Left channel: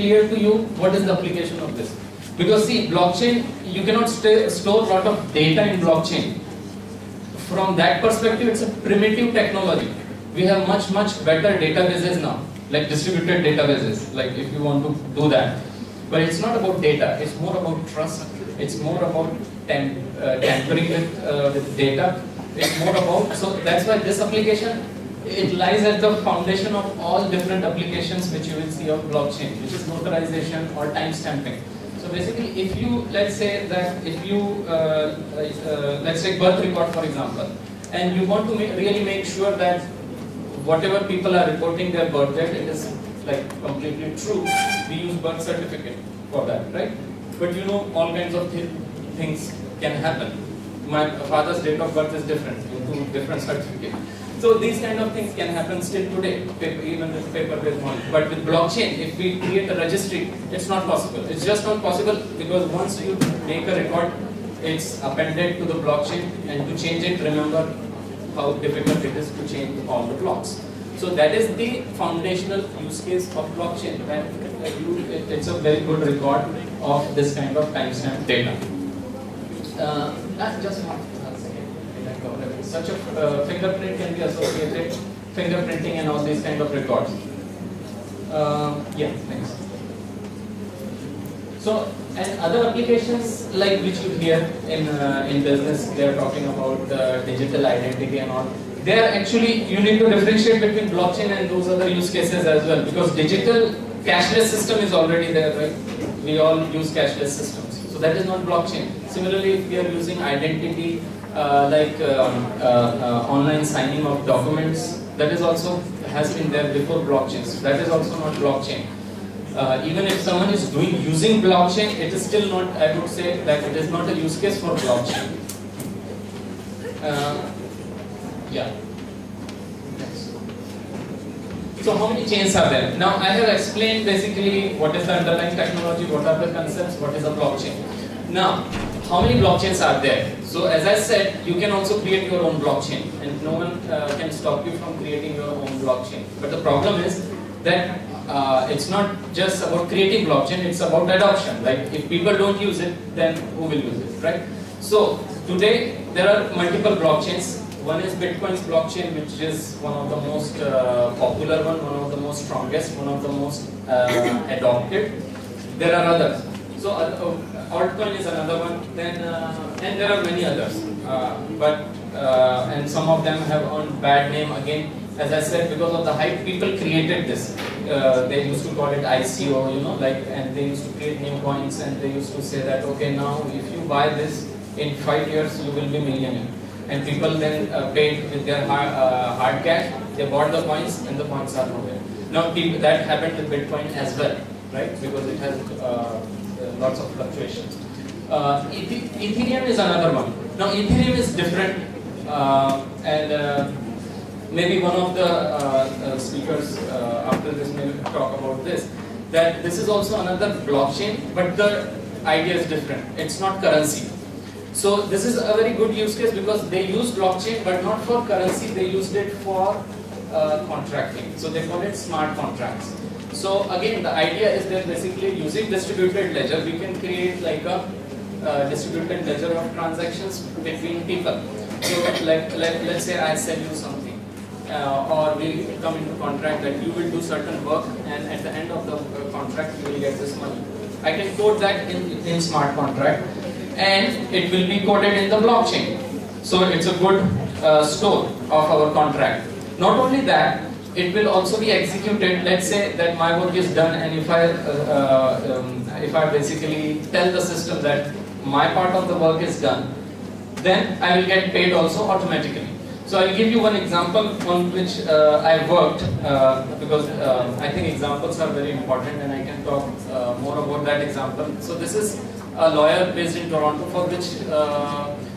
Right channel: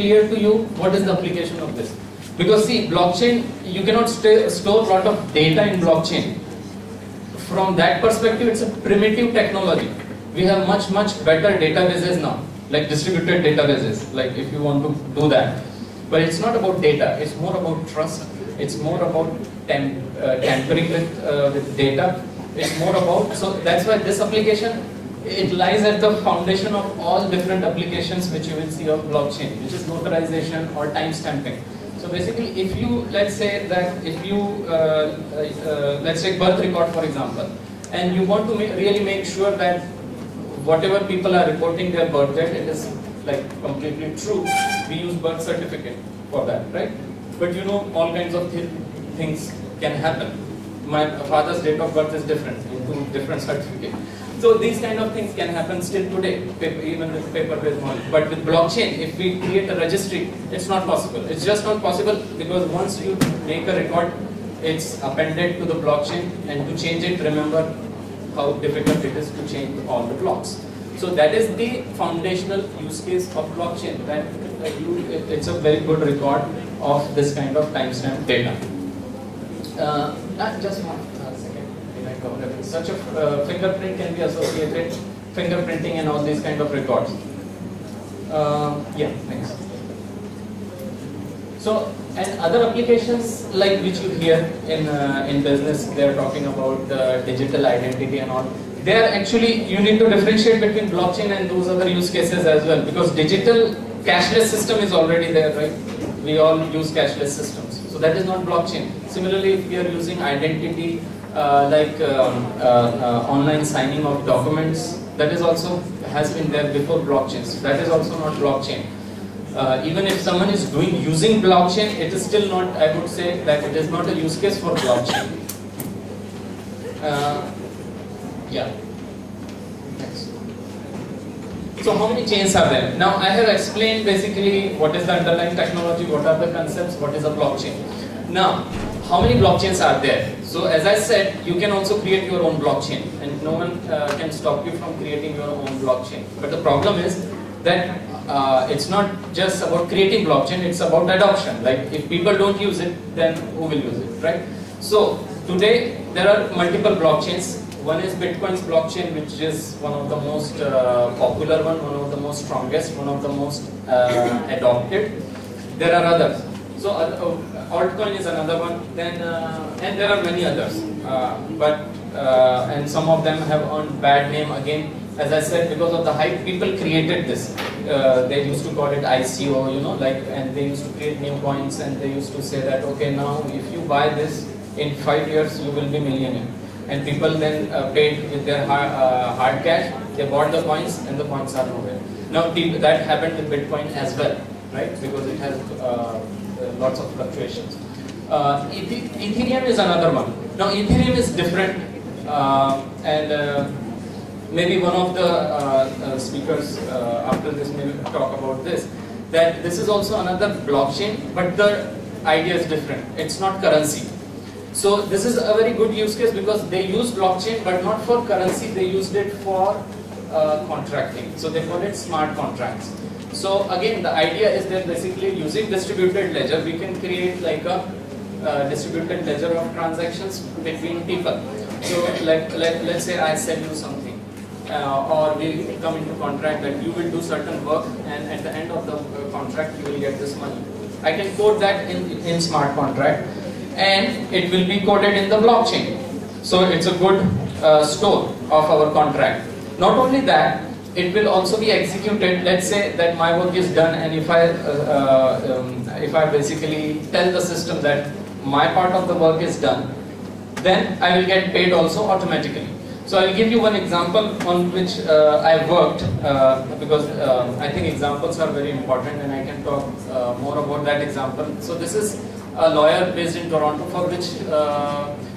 clear to you what is the application of this. Because see, blockchain, you cannot store a lot of data in blockchain. From that perspective, it's a primitive technology. We have much better databases now, like distributed databases, like if you want to do that. But it's not about data, it's more about trust, it's more about tampering with data, it's more about, so that's why this application, it lies at the foundation of all different applications which you will see of blockchain, which is notarization or timestamping. So basically, if you, let's say that if you, let's take birth record for example, and you want to really make sure that whatever people are reporting their birth date, it is like completely true, we use birth certificate for that, right? But you know, all kinds of things can happen. My father's date of birth is different, into different certificate. So these kind of things can happen still today, even with paper-based knowledge. But with blockchain, if we create a registry, it's not possible. It's just not possible because once you make a record, it's appended to the blockchain, and to change it, remember how difficult it is to change all the blocks. So that is the foundational use case of blockchain. That it's a very good record of this kind of timestamp data. Just one second. Such a fingerprint can be associated, fingerprinting and all these kind of records. Yeah, next. So, and other applications like which you hear in business, they are talking about the digital identity and all. They are actually, you need to differentiate between blockchain and those other use cases as well, because digital cashless system is already there, right? We all use cashless systems. So that is not blockchain. Similarly, if we are using identity, online signing of documents, that is also has been there before blockchains. That is also not blockchain. Even if someone is using blockchain, it is still not, I would say that it is not a use case for blockchain. Yeah. Next. So how many chains are there? Now I have explained basically what is the underlying technology, what are the concepts, what is a blockchain. Now, how many blockchains are there? So as I said, you can also create your own blockchain, and no one can stop you from creating your own blockchain. But the problem is that it's not just about creating blockchain, it's about adoption. Like if people don't use it, then who will use it, right? So today there are multiple blockchains. One is Bitcoin's blockchain, which is one of the most popular one of the most strongest, one of the most adopted. There are others. So altcoin is another one. Then and there are many others. And some of them have earned bad name again. As I said, because of the hype, people created this. They used to call it ICO, you know, like, and they used to create new coins, and they used to say that, okay, now if you buy this in 5 years, you will be millionaire. And people then paid with their hard cash. They bought the coins, and the coins are nowhere. Now that happened with Bitcoin as well, right? Because it has lots of fluctuations. Ethereum is another one. Now Ethereum is different, and maybe one of the speakers after this may talk about this, that this is also another blockchain, but the idea is different. It's not currency. So this is a very good use case because they use blockchain, but not for currency. They used it for contracting. So they call it smart contracts. So again, the idea is that basically using distributed ledger, we can create like a distributed ledger of transactions between people. So let's say I sell you something. Or we come into contract that you will do certain work, and at the end of the contract you will get this money. I can code that in smart contract, and it will be coded in the blockchain. So it's a good store of our contract. Not only that, it will also be executed. Let's say that my work is done, and if I basically tell the system that my part of the work is done, then I will get paid also automatically. So I'll give you one example on which I worked, because I think examples are very important, and I can talk more about that example. So this is a lawyer based in Toronto, for which,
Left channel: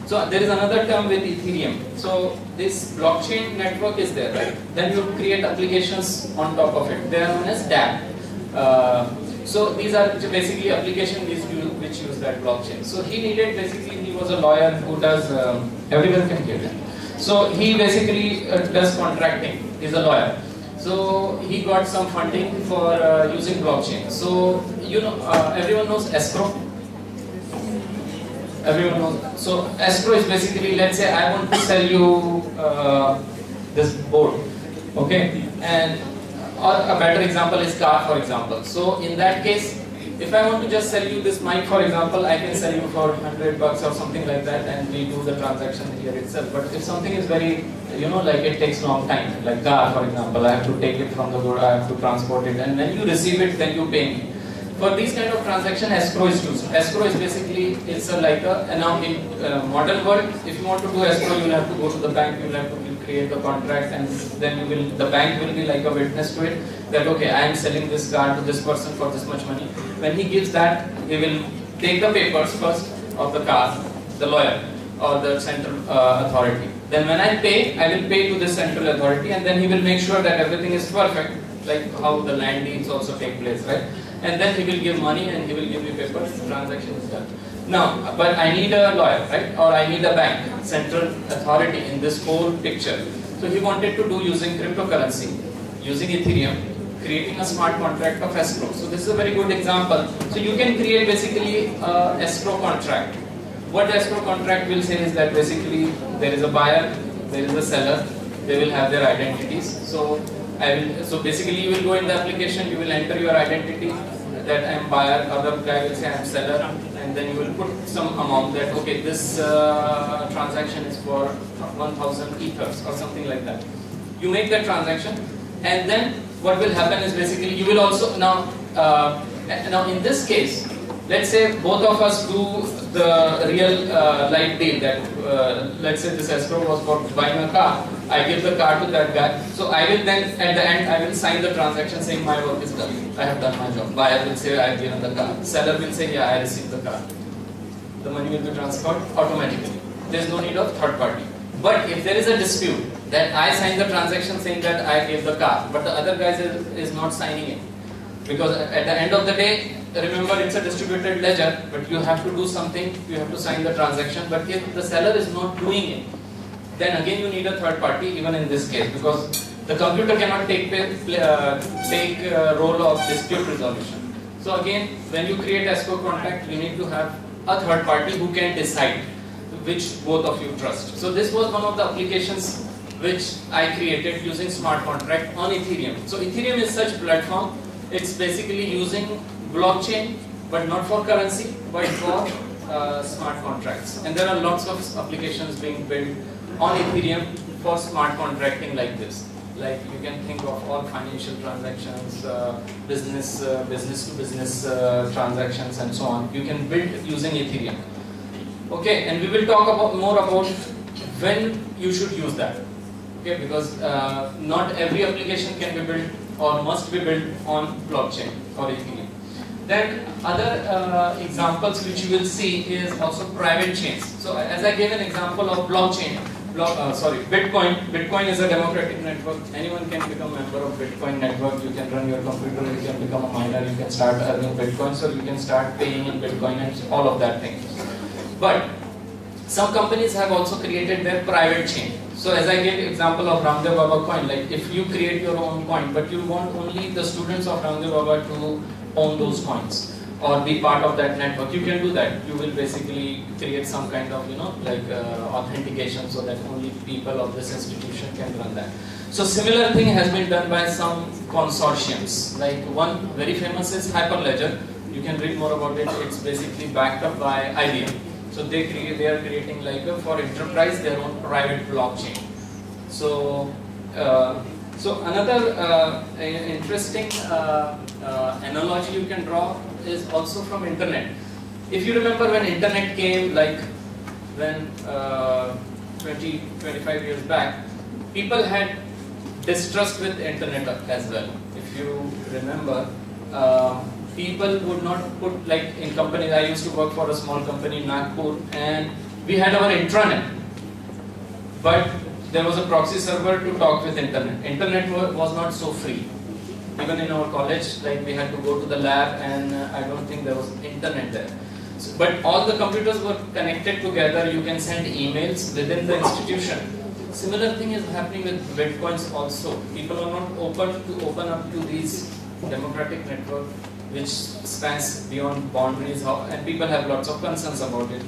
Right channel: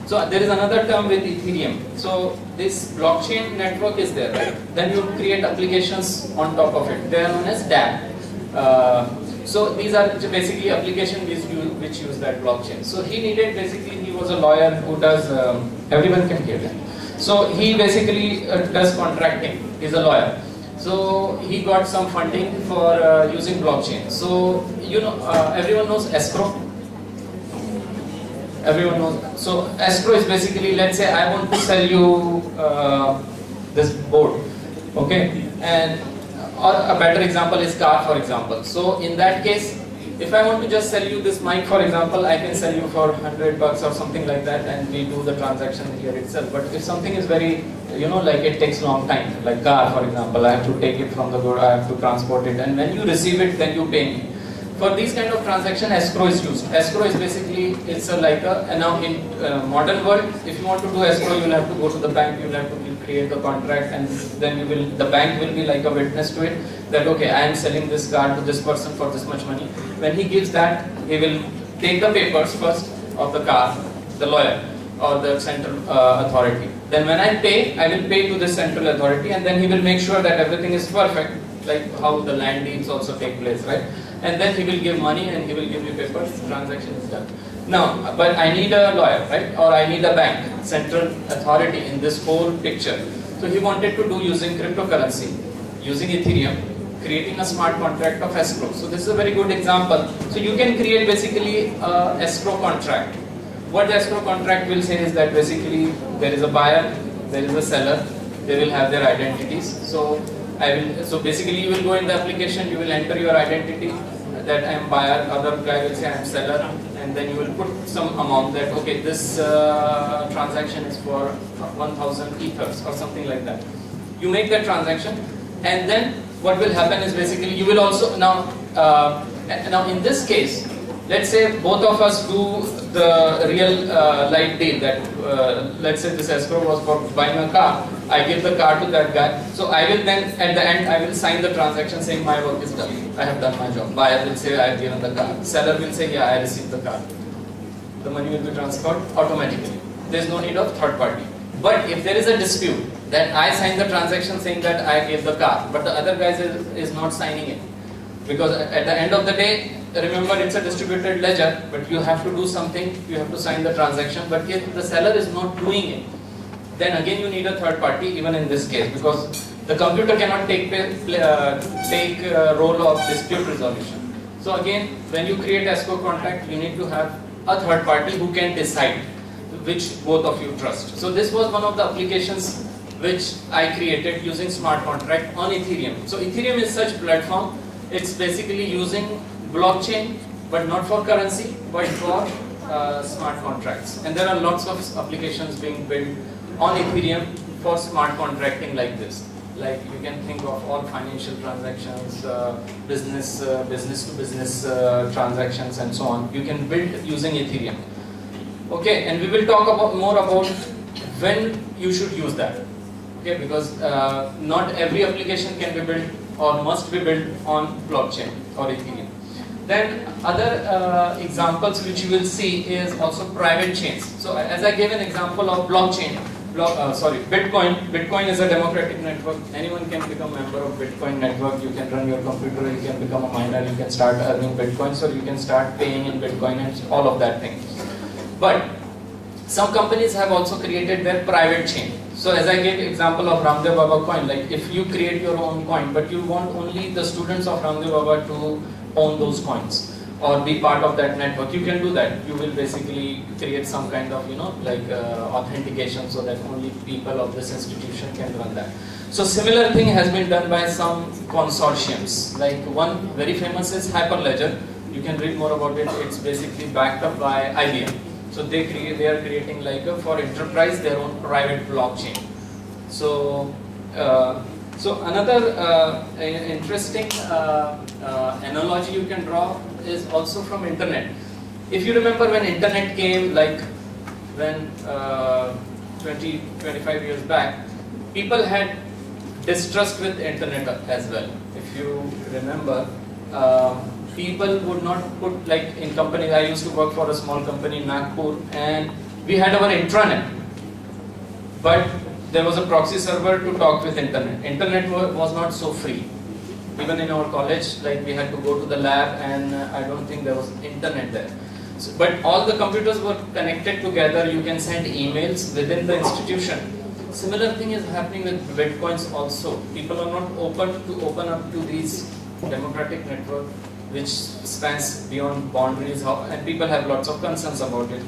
so there is another term with Ethereum. So this blockchain network is there, right? Then you create applications on top of it. They are known as dApp. So these are basically applications which use that blockchain. So he was a lawyer who does, everyone can hear that. So he basically does contracting. He's a lawyer. So he got some funding for using blockchain. So everyone knows escrow. Everyone knows. So escrow is basically, let's say I want to sell you this board, okay, and or a better example is car, for example. So in that case, if I want to just sell you this mic, for example, I can sell you for $100 or something like that, and we do the transaction here itself. But if something is very, like it takes long time, like car, for example, I have to take it from the door, I have to transport it, and when you receive it, then you pay me. For these kind of transaction, escrow is used. Escrow is basically, it's and now in modern world, if you want to do escrow, you will have to go to the bank, you will have to create the contract, and then the bank will be like a witness to it, that okay, I am selling this car to this person for this much money. When he gives that, he will take the papers first of the car, the lawyer or the central authority. Then when I pay, I will pay to the central authority, and then he will make sure that everything is perfect, like how the land deeds also take place, right? And then he will give money and he will give me papers, the transaction is done. Now, but I need a lawyer, right? Or I need a bank, central authority in this whole picture. So he wanted to do using cryptocurrency, using Ethereum, creating a smart contract of escrow. So this is a very good example. So you can create basically a escrow contract. What the escrow contract will say is that basically there is a buyer, there is a seller, they will have their identities. So basically you will go in the application, you will enter your identity, that I am buyer, other guy will say I am seller, and then you will put some amount that okay, this transaction is for 1000 ethers or something like that. You make that transaction, and then what will happen is basically you will also now in this case, let's say both of us do the real life deal, that let's say this escrow was for buying a car. I give the car to that guy. So I will then, at the end, I will sign the transaction saying my work is done. I have done my job. Buyer will say I have given the car. Seller will say yeah, I received the car. The money will be transferred automatically. There is no need of third party. But if there is a dispute, that I signed the transaction saying that I gave the car, but the other guy is not signing it. Because at the end of the day, remember it's a distributed ledger, but you have to do something, you have to sign the transaction. But if the seller is not doing it, then again you need a third party, even in this case, because the computer cannot take role of dispute resolution. So again, when you create escrow contract, you need to have a third party who can decide which both of you trust. So this was one of the applications which I created using smart contract on Ethereum. So Ethereum is such platform, it's basically using blockchain, but not for currency, but for smart contracts. And there are lots of applications being built on Ethereum for smart contracting like this. Like you can think of all financial transactions, business to business transactions, and so on. You can build using Ethereum. Okay, and we will talk more about when you should use that. Okay, because not every application can be built or must be built on blockchain or Ethereum. Then other examples which you will see is also private chains. So as I gave an example of blockchain, Bitcoin. Bitcoin is a democratic network. Anyone can become a member of Bitcoin network. You can run your computer, you can become a miner, you can start earning Bitcoin, so you can start paying in Bitcoin and all of that thing. But some companies have also created their private chain. So as I gave example of Ramdev Baba coin, like if you create your own coin, but you want only the students of Ramdev Baba to own those coins or be part of that network, you can do that. You will basically create some kind of, authentication so that only people of this institution can run that. So similar thing has been done by some consortiums. Like one very famous is Hyperledger. You can read more about it. It's basically backed up by IBM. So they are creating like for enterprise their own private blockchain. So another interesting analogy you can draw is also from internet. If you remember when internet came, like when 20-25 years back, people had distrust with internet as well. If you remember, people would not put, like in companies, I used to work for a small company in Nagpur, and we had our intranet, but there was a proxy server to talk with internet. Internet was not so free. Even in our college, like we had to go to the lab, and I don't think there was internet there. So, but all the computers were connected together. You can send emails within the institution. similar thing is happening with bitcoins also. People are not open up to these democratic network which spans beyond boundaries, and people have lots of concerns about it.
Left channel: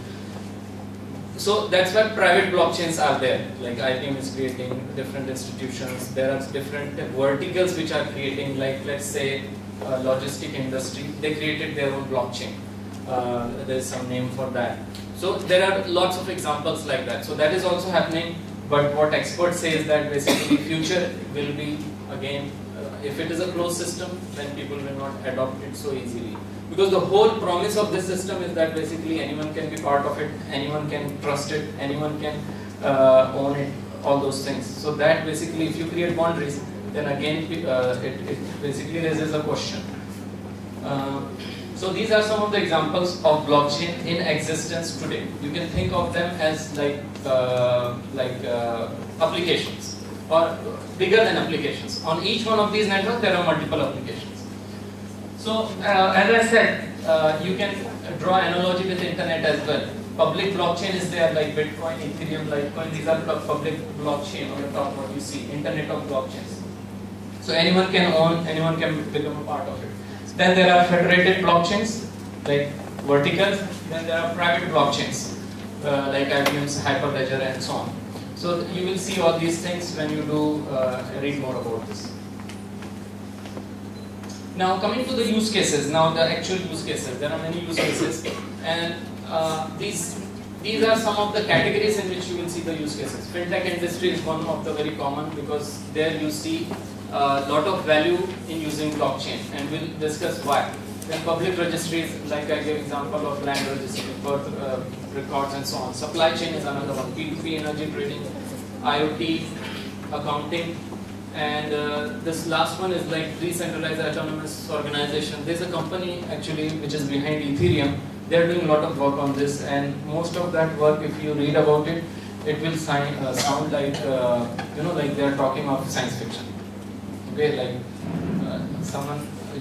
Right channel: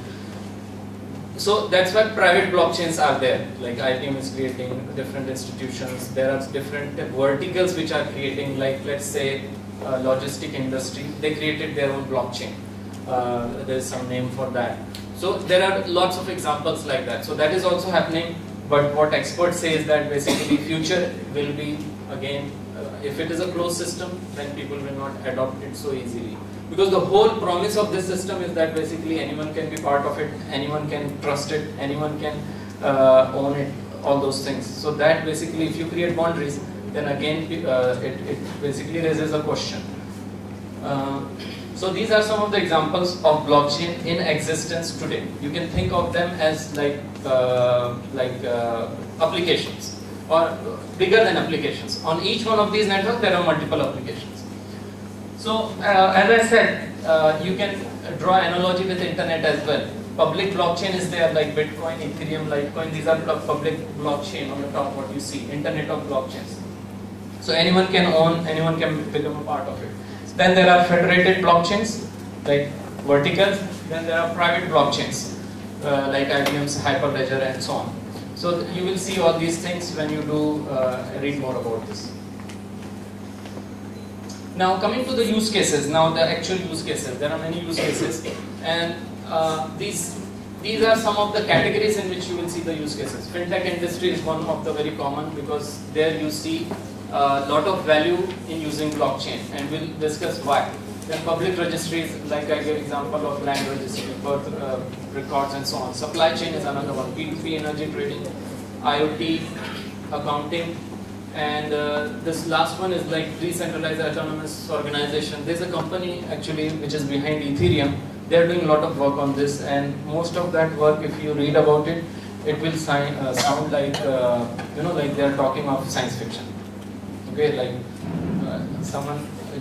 So that's why private blockchains are there. Like IBM is creating different institutions. There are different verticals which are creating, like let's say logistic industry. They created their own blockchain. There's some name for that. So there are lots of examples like that. So that is also happening. But what experts say is that basically future will be again, if it is a closed system, then people will not adopt it so easily. Because the whole promise of this system is that basically anyone can be part of it, anyone can trust it, anyone can own it, all those things. So that basically, if you create boundaries, then again it basically raises a question. So these are some of the examples of blockchain in existence today. You can think of them as like applications, or bigger than applications. On each one of these networks, there are multiple applications. So, as I said, you can draw analogy with internet as well. Public blockchain is there, like Bitcoin, Ethereum, Litecoin. These are public blockchain on the top. What you see, Internet of blockchains. So anyone can own, anyone can become a part of it. Then there are federated blockchains, like verticals. Then there are private blockchains, like IBM's Hyperledger and so on. So you will see all these things when you do read more about this. Now coming to the use cases, now the actual use cases, there are many use cases, and these are some of the categories in which you will see the use cases. Fintech industry is one of the very common, because there you see a lot of value in using blockchain, and we'll discuss why. Then public registries, like I gave example of land registry, birth records and so on. Supply chain is another one, P2P energy trading, IoT, accounting. And this last one is like decentralized autonomous organization. There's a company actually which is behind Ethereum. They're doing a lot of work on this, and most of that work, if you read about it, it will sound like like they're talking of science fiction. Okay, like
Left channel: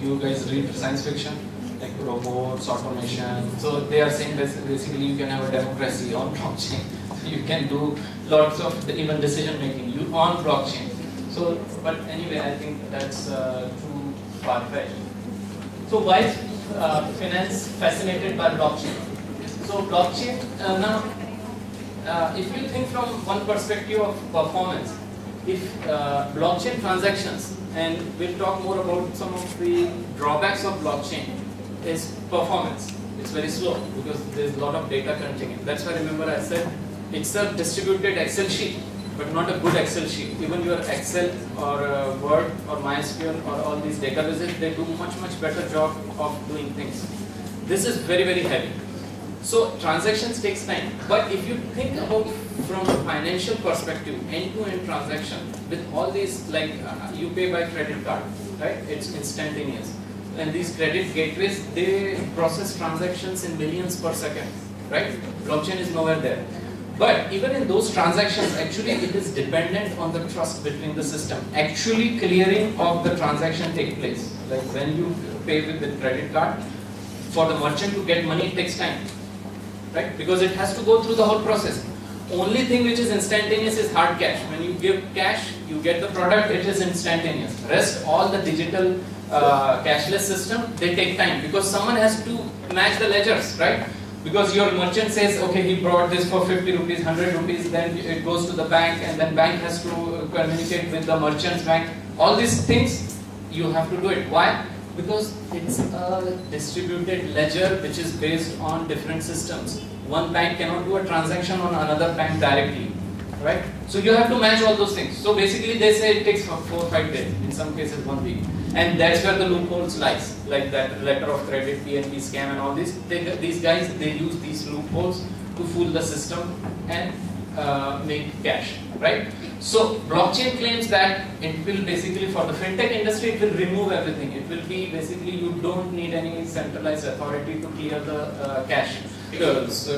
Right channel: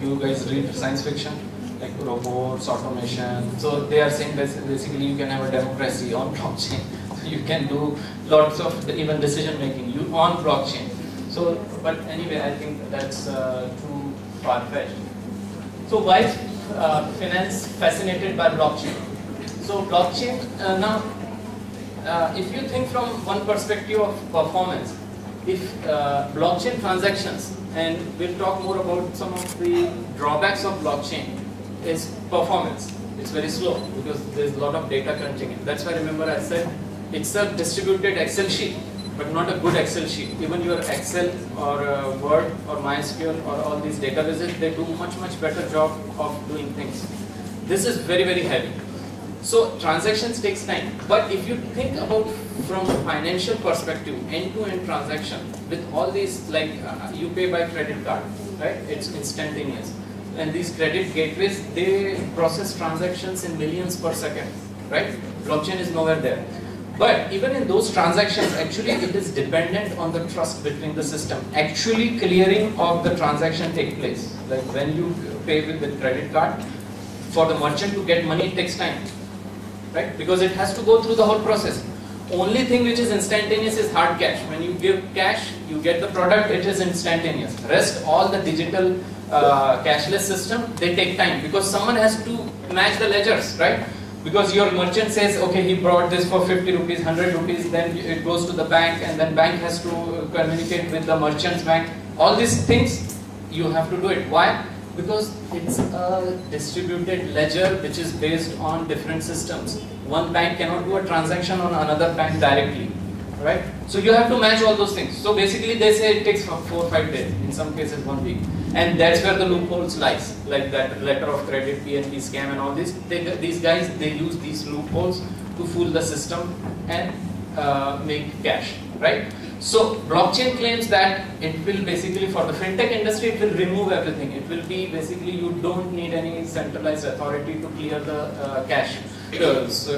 you guys read science fiction, like robots, automation. So they are saying basically you can have a democracy on blockchain. You can do lots of even decision making on blockchain. So, but anyway, I think that's too far-fetched. So why is finance fascinated by blockchain? So blockchain, now, if you think from one perspective of performance, if blockchain transactions, and we'll talk more about some of the drawbacks of blockchain, is performance. It's very slow because there's a lot of data crunching in. That's why, remember I said, it's a distributed Excel sheet, but not a good Excel sheet. Even your Excel or Word or MySQL or all these databases, they do much better job of doing things. This is very heavy. So transactions takes time. But if you think about from a financial perspective, end-to-end transaction with all these, like you pay by credit card, right? It's instantaneous. And these credit gateways, they process transactions in millions per second, right? Blockchain is nowhere there. But even in those transactions, actually it is dependent on the trust between the system. Actually clearing of the transaction take place. Like when you pay with the credit card, for the merchant to get money, it takes time, right? Because it has to go through the whole process. Only thing which is instantaneous is hard cash. When you give cash, you get the product, it is instantaneous. Rest, all the digital cashless system, they take time because someone has to match the ledgers, right? Because your merchant says, okay, he brought this for 50 rupees, 100 rupees, then it goes to the bank, and then bank has to communicate with the merchant's bank. All these things, you have to do it. Why? Because it's a distributed ledger which is based on different systems. One bank cannot do a transaction on another bank directly, right? So you have to match all those things. So basically they say it takes 4 or 5 days, in some cases 1 week. And that's where the loopholes lies, like that letter of credit, PNB scam and all this. These guys, they use these loopholes to fool the system and make cash, right? So blockchain claims that it will basically, for the fintech industry, it will remove everything. It will be basically, you don't need any centralized authority to clear the cash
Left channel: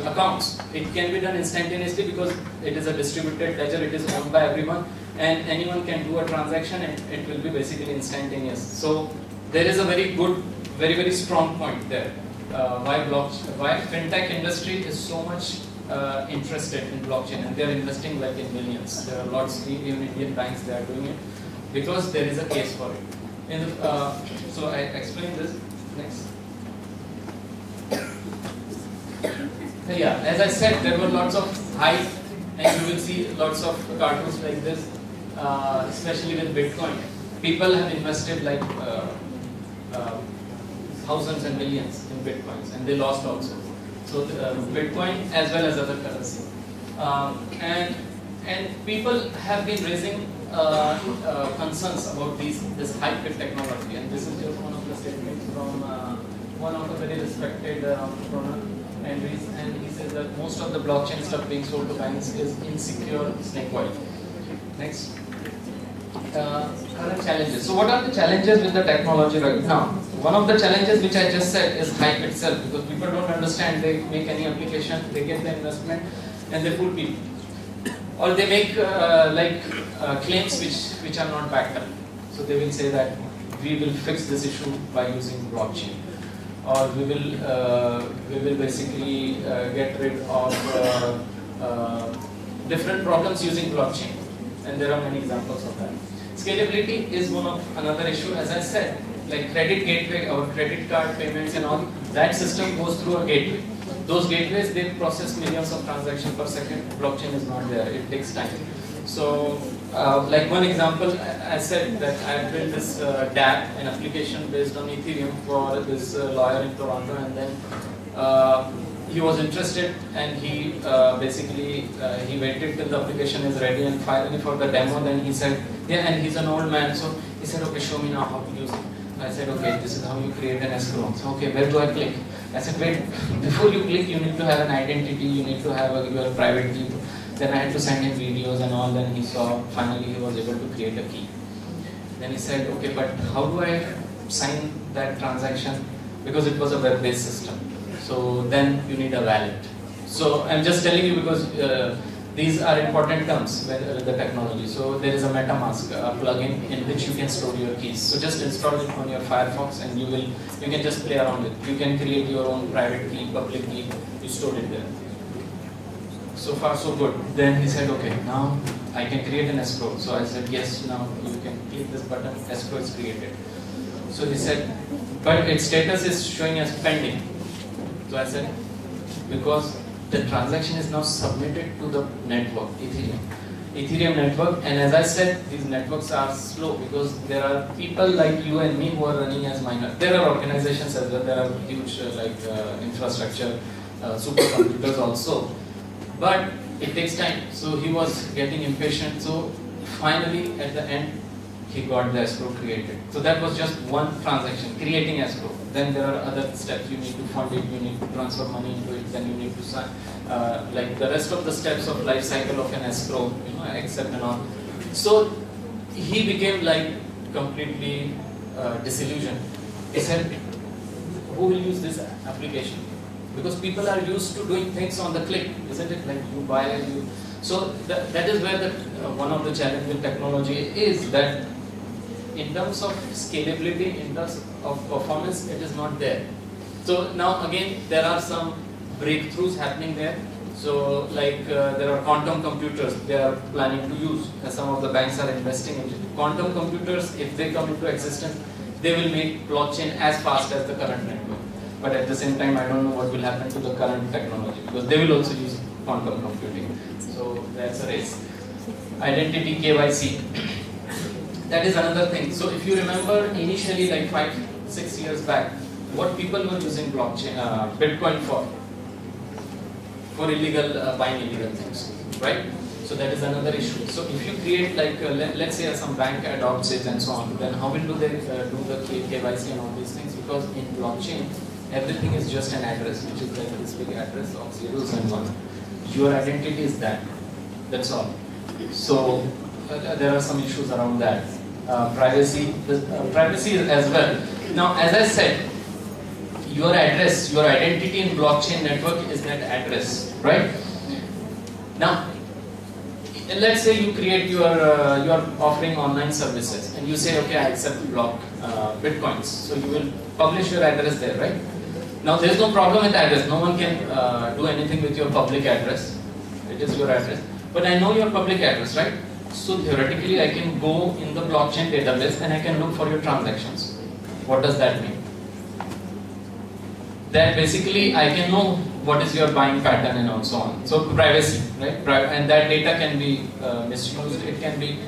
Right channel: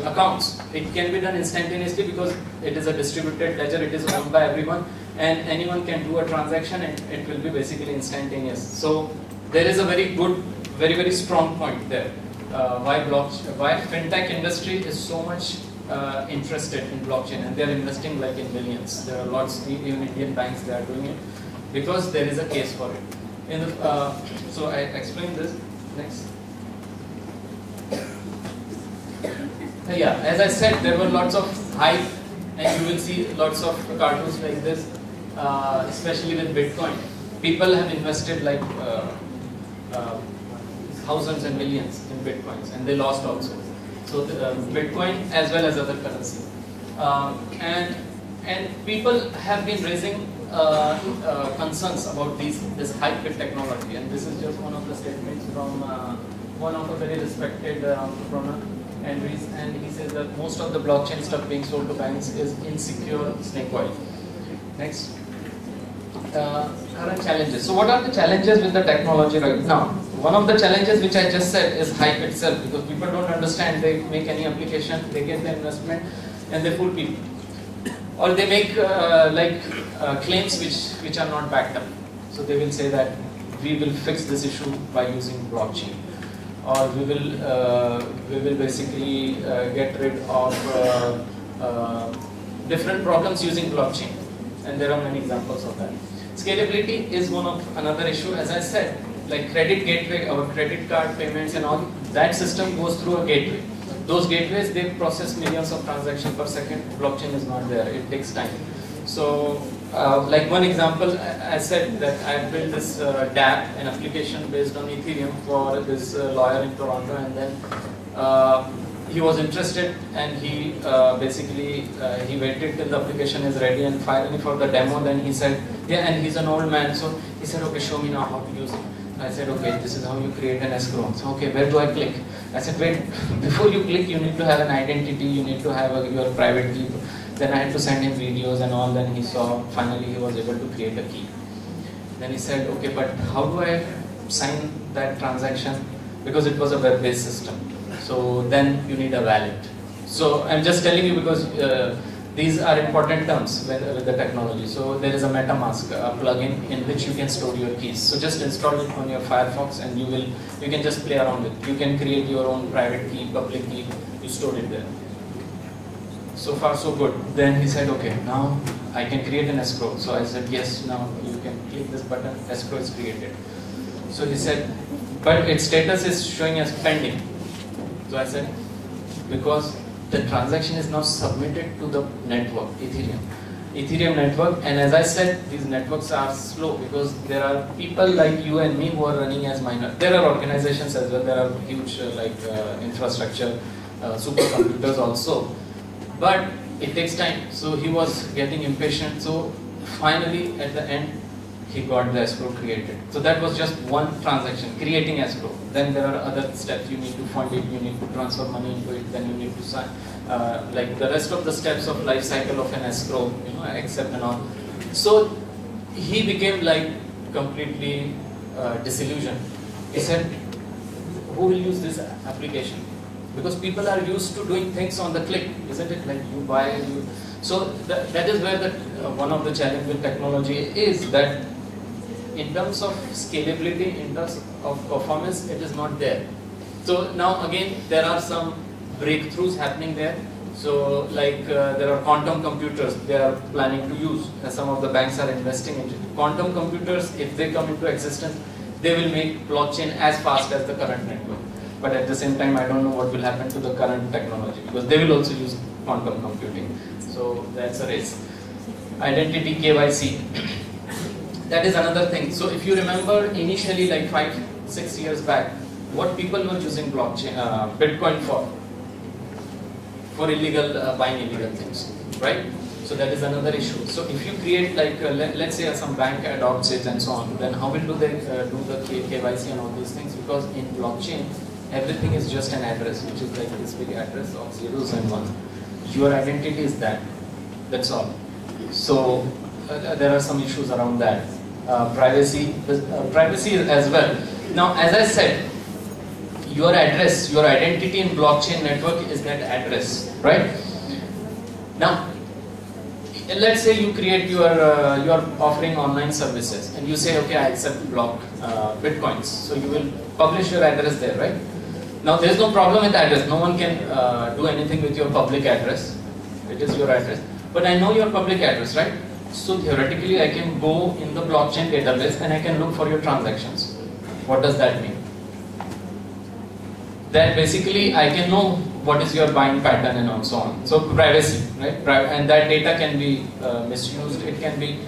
accounts. It can be done instantaneously because it is a distributed ledger, it is owned by everyone, and anyone can do a transaction and it will be basically instantaneous. So there is a very good, very strong point there. Why fintech industry is so much interested in blockchain, and they're investing like in millions. There are lots, even Indian banks, they are doing it because there is a case for it. So I explained this. Next. Yeah, as I said, there were lots of hype, and you will see lots of cartoons like this, especially with Bitcoin. People have invested like thousands and millions in Bitcoins, and they lost also. So Bitcoin as well as other currency, and people have been raising concerns about this hybrid technology, and this is just one of the statements from one of the very respected entrepreneur, and he says that most of the blockchain stuff being sold to banks is insecure snake oil. Next. Current challenges. So what are the challenges with the technology right now? One of the challenges which I just said is hype itself, because people don't understand. They make any application, they get the investment, and they fool people, or they make claims which are not backed up. So they will say that we will fix this issue by using blockchain, or we will basically get rid of different problems using blockchain, and there are many examples of that. Scalability is another issue. As I said, like credit gateway, our credit card payments and all, that system goes through a gateway. Those gateways, they process millions of transactions per second. Blockchain is not there, it takes time. So like one example, I said that I built this DApp, an application based on Ethereum for this lawyer in Toronto, and then he was interested, and he basically he waited till the application is ready, and finally for the demo, then he said, yeah, and he's an old man, so he said, okay, show me now how to use it. I said, okay, this is how you create an escrow. So, okay, where do I click? I said, wait, before you click, you need to have an identity, you need to have your private key. Then I had to send him videos and all, then he saw, finally he was able to create a key. Then he said, okay, but how do I sign that transaction? Because it was a web-based system. So then you need a wallet. So I'm just telling you because these are important terms with the technology. So there is a MetaMask plugin in which you can store your keys. So just install it on your Firefox, and you can just play around with it. You can create your own private key, public key, you store it there. So far so good. Then he said, okay, now I can create an escrow. So I said, yes, now you can click this button, escrow is created. So he said, but its status is showing as pending. So I said, because the transaction is now submitted to the network, Ethereum network, and as I said, these networks are slow because there are people like you and me who are running as miners. There are organizations as well, there are huge infrastructure, supercomputers also, but it takes time. So he was getting impatient, so finally at the end, he got the escrow created. So that was just one transaction, creating escrow. Then there are other steps. You need to fund it, you need to transfer money into it, then you need to sign, like the rest of the steps of life cycle of an escrow, accept and all. So he became like completely disillusioned. He said, who will use this application? Because people are used to doing things on the click, isn't it? Like you buy and you... So that is where one of the challenges with technology is, that in terms of scalability, in terms of performance, it is not there. So now again, there are some breakthroughs happening there. So like there are quantum computers they are planning to use. Some of the banks are investing in it. Quantum computers, if they come into existence, they will make blockchain as fast as the current network. But at the same time, I don't know what will happen to the current technology, because they will also use quantum computing. So that's a race. Identity, KYC. That is another thing. So if you remember initially, like 5-6 years back, what people were using blockchain, Bitcoin for illegal, buying illegal things, right? So that is another issue. So if you create like, let's say some bank adopts it and so on, then how will they do the KYC and all these things? Because in blockchain, everything is just an address, which is like this big address of zeros and ones. Your identity is that. That's all. So there are some issues around that. Privacy as well. Now, as I said, your address, your identity in blockchain network is that address, right? Now, let's say you create you are offering online services, and you say, okay, I accept Bitcoins. So you will publish your address there, right? Now there is no problem with address. No one can do anything with your public address. It is your address. But I know your public address, right? So theoretically, I can go in the blockchain database and I can look for your transactions. What does that mean? That basically I can know what is your buying pattern and so on. So privacy, right? And that data can be misused. It can be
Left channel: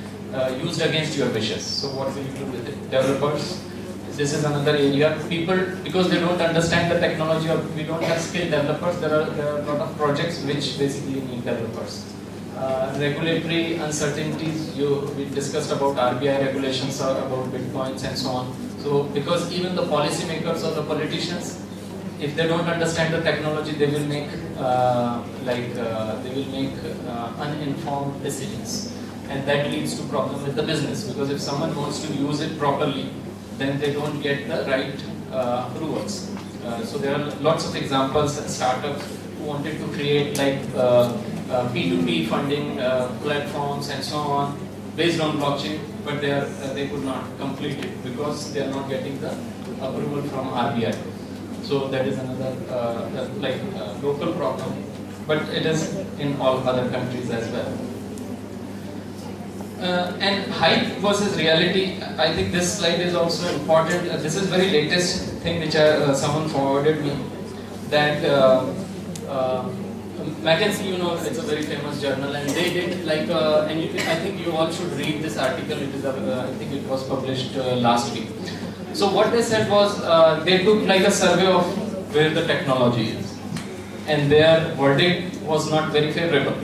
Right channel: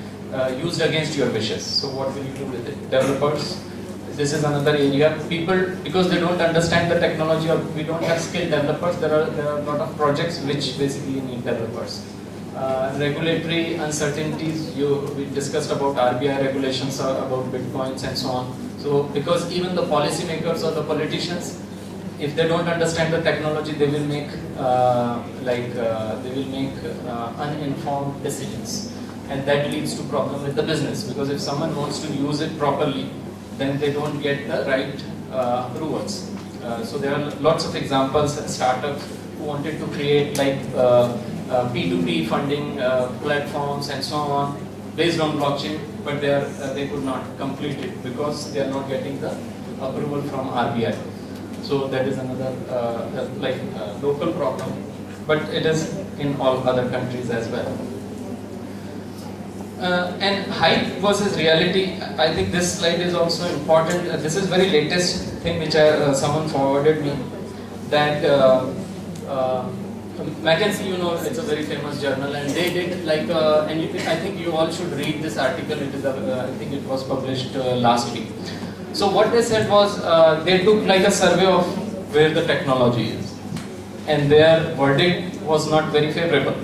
used against your wishes. So what will you do with it? Developers. This is another area. People, because they don't understand the technology, or we don't have skilled developers, there are a lot of projects which basically need developers. Regulatory uncertainties, we discussed about RBI regulations about bitcoins and so on. So because even the policymakers or the politicians, if they don't understand the technology, they will make uninformed decisions, and that leads to problem with the business, because if someone wants to use it properly, then they don't get the right approvals. So there are lots of examples, startups who wanted to create like P2P funding platforms and so on based on blockchain, but they could not complete it because they are not getting the approval from RBI. So that is another local problem, but it is in all other countries as well. And hype versus reality, I think this slide is also important. This is very latest thing which someone forwarded me, that McKinsey, you know, it's a very famous journal, and they did like, I think you all should read this article. It is, I think it was published last week. So what they said was, they took like a survey of where the technology is, and their verdict was not very favorable.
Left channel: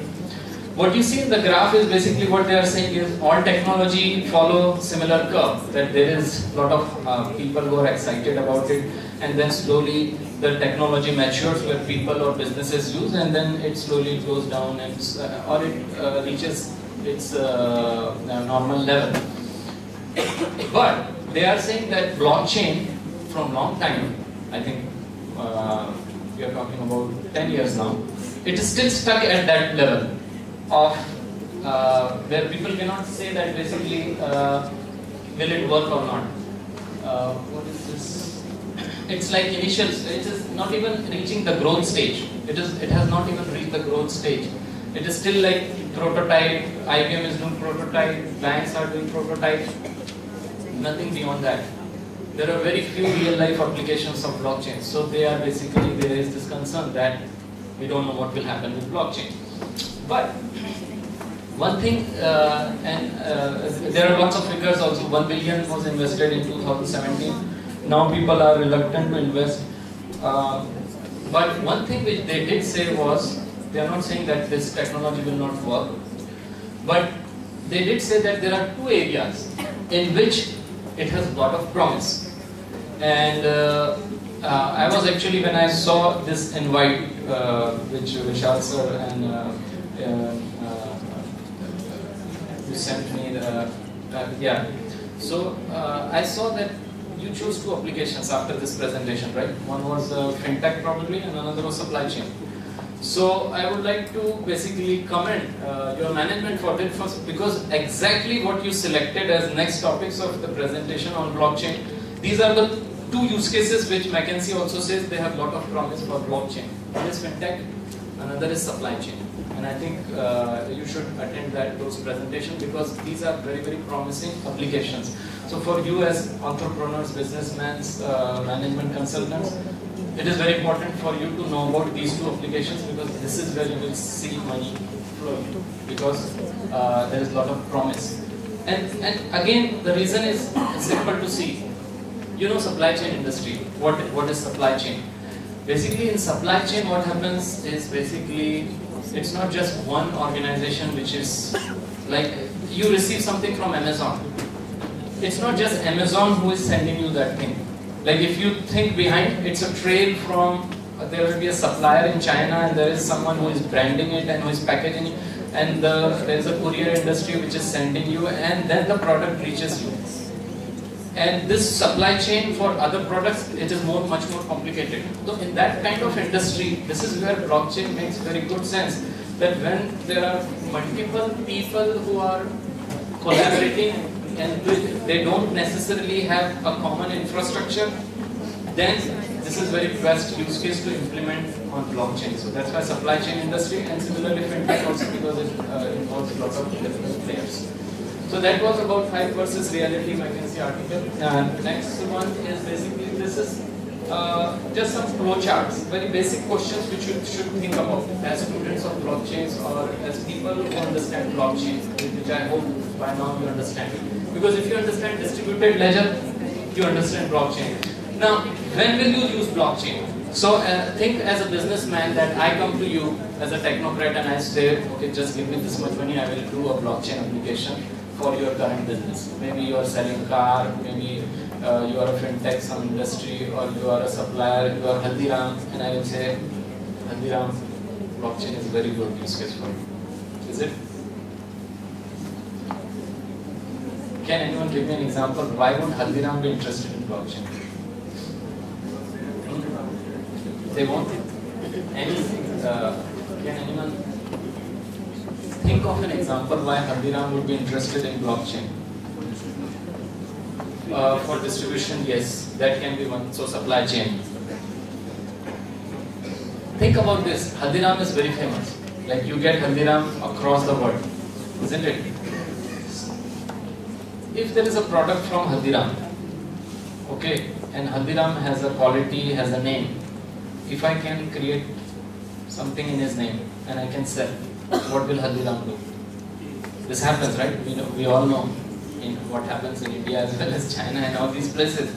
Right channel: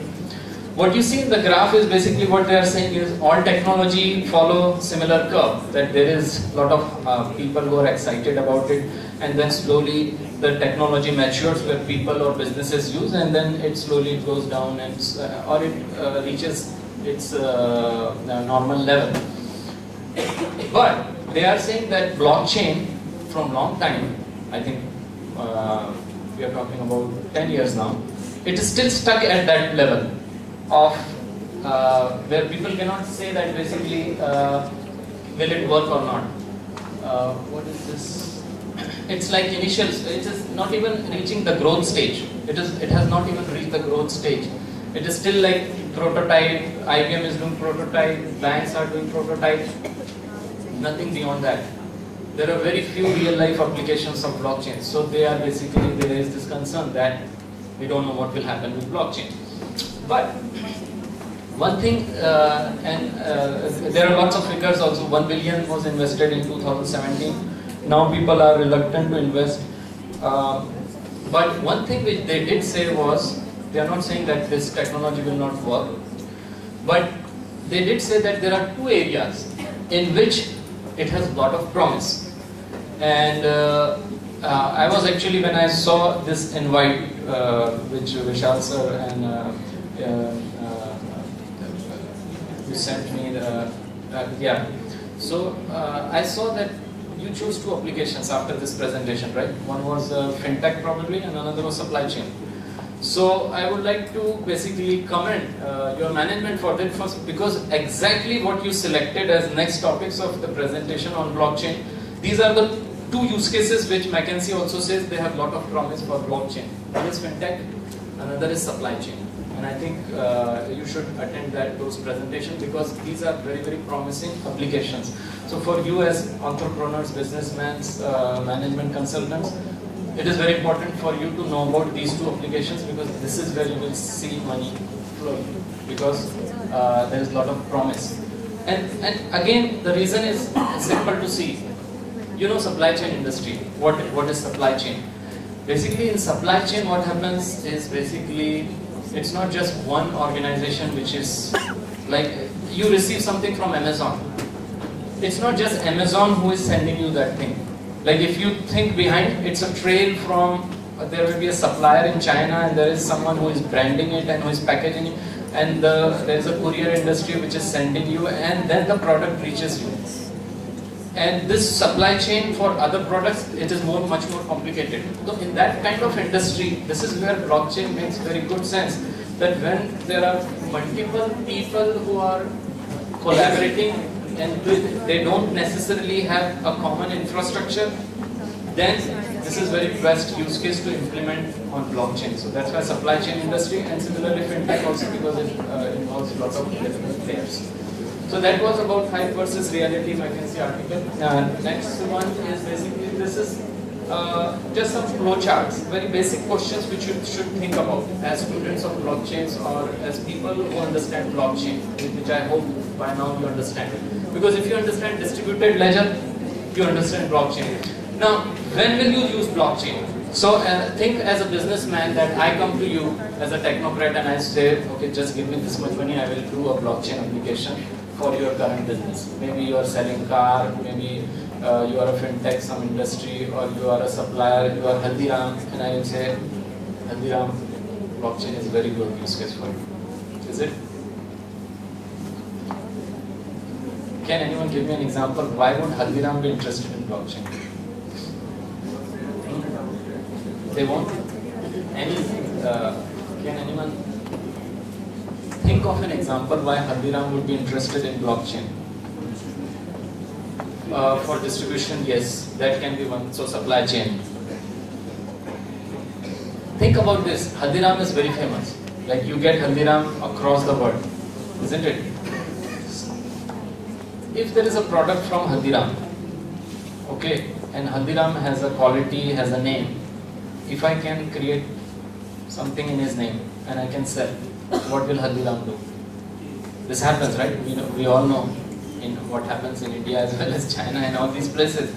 What you see in the graph is basically what they are saying is all technology follow similar curve, that there is a lot of people who are excited about it, and then slowly the technology matures where people or businesses use, and then it slowly goes down and or it reaches its normal level. But they are saying that blockchain from long time, I think we are talking about 10 years now, it is still stuck at that level of where people cannot say that basically will it work or not. What is this? It's like initial, it is not even reaching the growth stage. It has not even reached the growth stage. It is still like prototype, IBM is doing prototype, banks are doing prototype, nothing beyond that. There are very few real life applications of blockchain. So they are basically, there is this concern that we don't know what will happen with blockchain. But one thing, there are lots of figures also. 1 billion was invested in 2017. Now people are reluctant to invest. But one thing which they did say was, they are not saying that this technology will not work, but they did say that there are two areas in which it has a lot of promise. And I was actually, when I saw this invite, which Vishal sir and you sent me the, so I saw that you chose two applications after this presentation, right? One was fintech probably, and another was supply chain. So I would like to basically commend your management for that first, because exactly what you selected as next topics of the presentation on blockchain, these are the two use cases which McKinsey also says they have a lot of promise for blockchain. One is fintech, another is supply chain. And I think you should attend those presentations, because these are very, very promising applications. So for you as entrepreneurs, businessmen, management consultants, it is very important for you to know about these two applications, because this is where you will see money flowing, because there is a lot of promise. And again, the reason is simple to see. You know, supply chain industry. What is supply chain? Basically, in supply chain, what happens is basically, it's not just one organization which is like, you receive something from Amazon. It's not just Amazon who is sending you that thing. Like if you think behind, it's a trail from, there will be a supplier in China, and there is someone who is branding it and who is packaging it, and there is a courier industry which is sending you, and then the product reaches you. And this supply chain for other products, it is much more complicated. So in that kind of industry, this is where blockchain makes very good sense. That when there are multiple people who are collaborating and they don't necessarily have a common infrastructure, then this is very best use case to implement on blockchain. So that's why supply chain industry, and similarly fintech also, because it involves lots of different players. So that was about hype versus reality McKinsey article. Next one is basically, this is just some flowcharts, very basic questions which you should think about as students of blockchains or as people who understand blockchain, which I hope by now you understand. Because if you understand distributed ledger, you understand blockchain. Now, when will you use blockchain? So think as a businessman that I come to you as a technocrat and I say, okay, just give me this much money, I will do a blockchain application for your current business. Maybe you are selling car, maybe you are a fintech, some industry, or you are a supplier, you are Haldiram, and I will say, Haldiram, blockchain is very good use case for you. Is it? Can anyone give me an example? Why would Haldiram be interested in blockchain? They won't? Anything? Can anyone think of an example why Haldiram would be interested in blockchain? For distribution, yes, that can be one. So supply chain. Think about this. Haldiram is very famous. Like you get Haldiram across the world, isn't it? If there is a product from Haldiram, okay, and Haldiram has a quality, has a name, if I can create something in his name and I can sell, what will Haldiram do? This happens, right? We all know in what happens in India as well as China and all these places.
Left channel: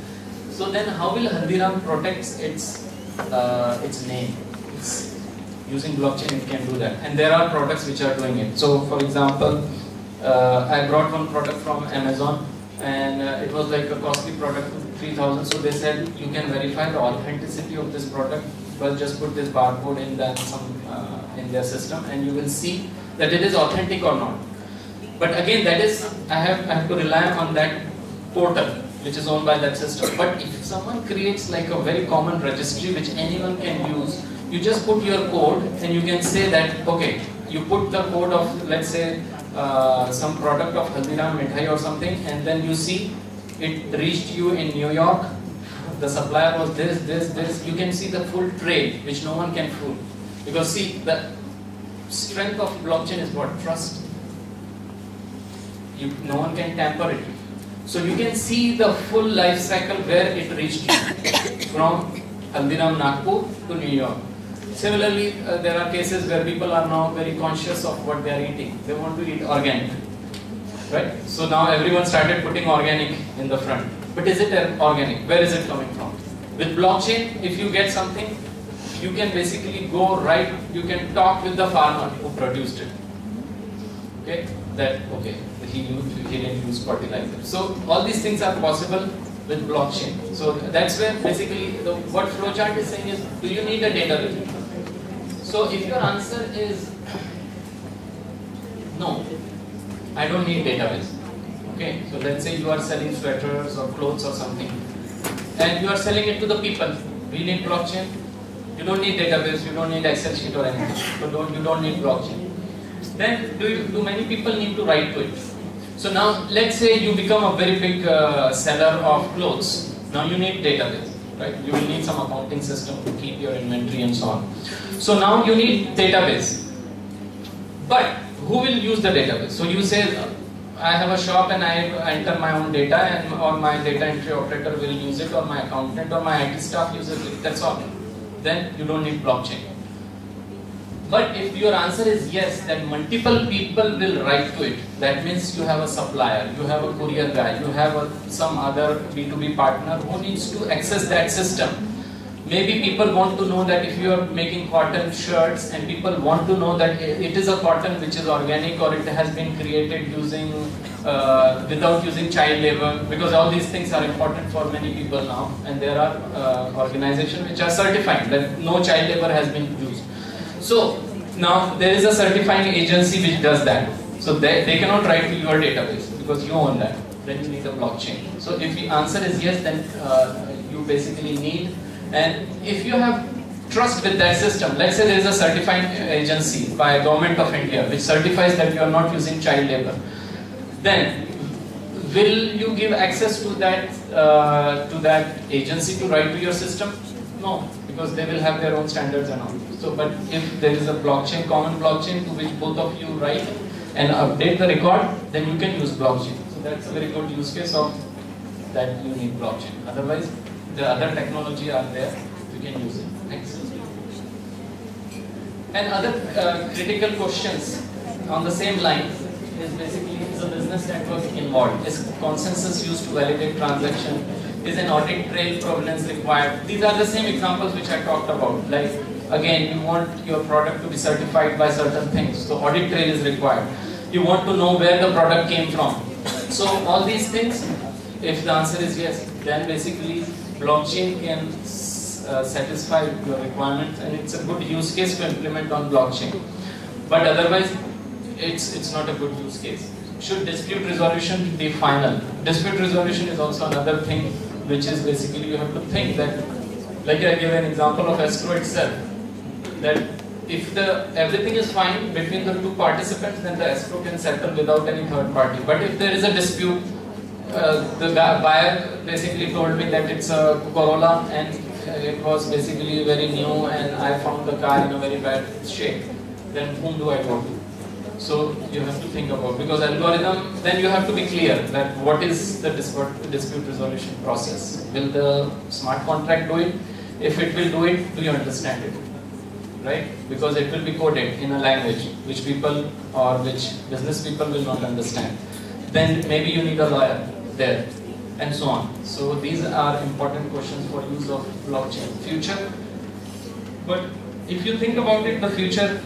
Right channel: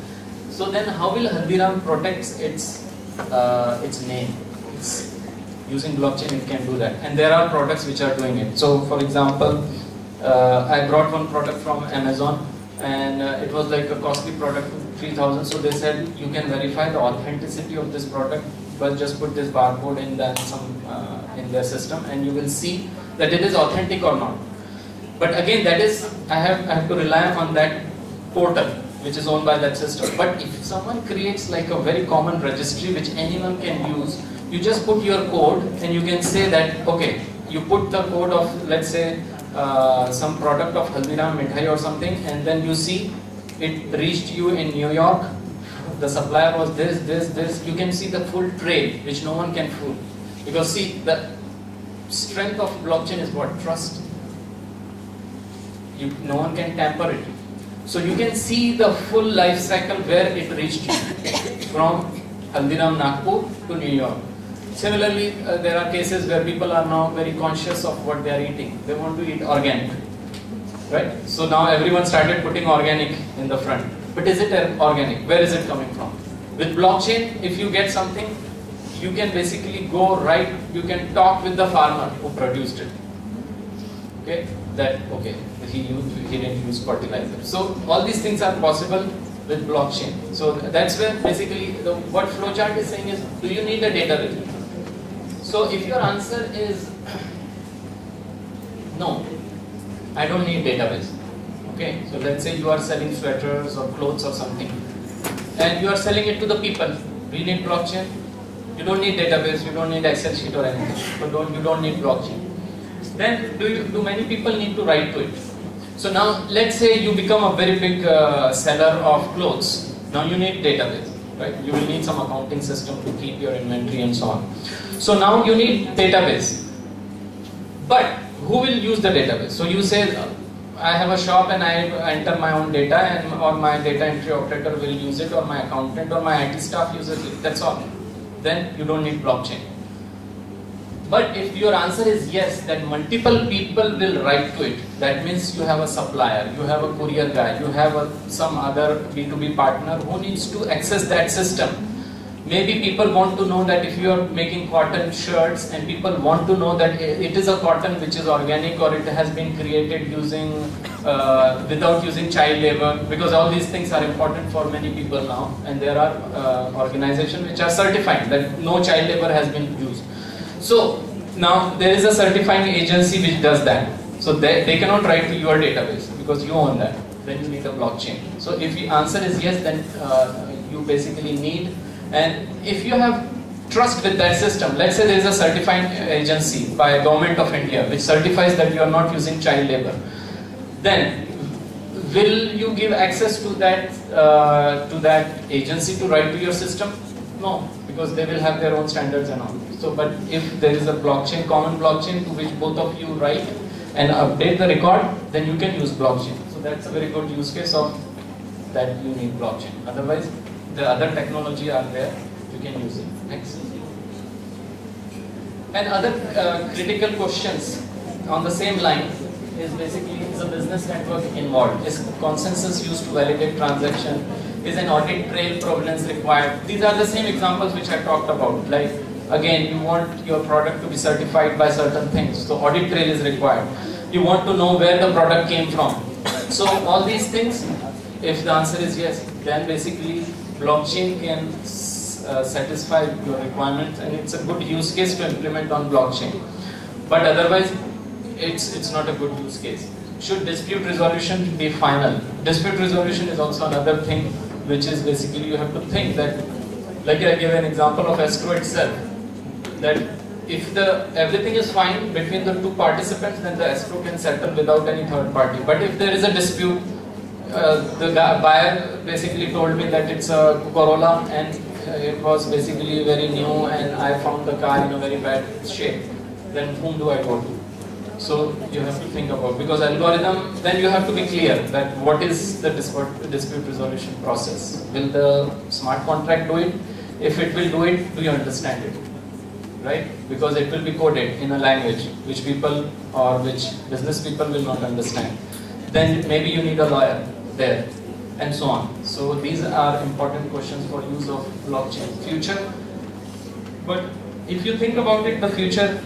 So then how will Haldiram protect its name? Using blockchain it can do that. And there are products which are doing it. So for example, I brought one product from Amazon and it was like a costly product, 3,000. So they said you can verify the authenticity of this product, but just put this barcode in in their system and you will see that it is authentic or not. But again, that is, I have to rely on that portal which is owned by that system. But if someone creates like a very common registry which anyone can use, you just put your code and you can say that, okay, you put the code of, let's say, some product of Haldiram Mithai or something, and then you see it reached you in New York, the supplier was this, you can see the full trail which no one can fool. Because see, the strength of blockchain is what? Trust. No one can tamper it. So you can see the full life cycle where it reached you from Haldiram Nagpur to New York. Similarly, there are cases where people are now very conscious of what they are eating. They want to eat organic, right? So now everyone started putting organic in the front. But is it organic? Where is it coming from? With blockchain, if you get something, you can basically go right, you can talk with the farmer who produced it. Okay, he didn't use fertilizer. So all these things are possible with blockchain. So that's where basically what flowchart is saying is, do you need a database? So if your answer is no, I don't need database. Okay, so let's say you are selling sweaters or clothes or something, and you are selling it to the people. Do you need blockchain? You don't need database, you don't need Excel sheet or anything. So you don't need blockchain. Then do many people need to write to it? So now let's say you become a very big seller of clothes. Now you need database, right? You will need some accounting system to keep your inventory and so on. So now you need database. But who will use the database? So you say, I have a shop and I enter my own data, and or my data entry operator will use it, or my accountant or my IT staff uses it. That's all. Then you don't need blockchain. But if your answer is yes, that multiple people will write to it, that means you have a supplier, you have a courier guy, you have some other B2B partner who needs to access that system. Maybe people want to know that if you are making cotton shirts and people want to know that it is a cotton which is organic or it has been created using without using child labor, because all these things are important for many people now, and there are organizations which are certifying that no child labor has been used. So now there is a certifying agency which does that. So they cannot write to your database because you own that. Then you need a blockchain. So if the answer is yes, then you basically need. And if you have trust with that system, let's say there is a certifying agency by Government of India which certifies that you are not using child labor, then will you give access to that agency to write to your system? No, because they will have their own standards and all. So, but if there is a blockchain, common blockchain to which both of you write and update the record, then you can use blockchain. So that's a very good use case of that you need blockchain. Otherwise, the other technology are there, you can use it. Next. And other critical questions on the same line is basically, is a business network involved? Is consensus used to validate transaction? Is an audit trail provenance required? These are the same examples which I talked about. Like, again, you want your product to be certified by certain things, so audit trail is required. You want to know where the product came from. So all these things, if the answer is yes, then basically blockchain can satisfy your requirements, and it's a good use case to implement on blockchain. But otherwise, it's not a good use case. Should dispute resolution be final? Dispute resolution is also another thing, which is basically you have to think that, like I gave an example of escrow itself, that if everything is fine between the two participants, then the escrow can settle without any third party. But if there is a dispute, the buyer basically told me that it's a Corolla and it was basically very new and I found the car in a very bad shape, then whom do I go to? So you have to think about, because algorithm, then you have to be clear that what is the dispute resolution process. Will the smart contract do it? If it will do it, do you understand it? Right? Because it will be coded in a language which people or which business people will not understand. Then maybe you need a lawyer there, and so on. So these are important questions for use of blockchain. Future, but if you think about it, the future,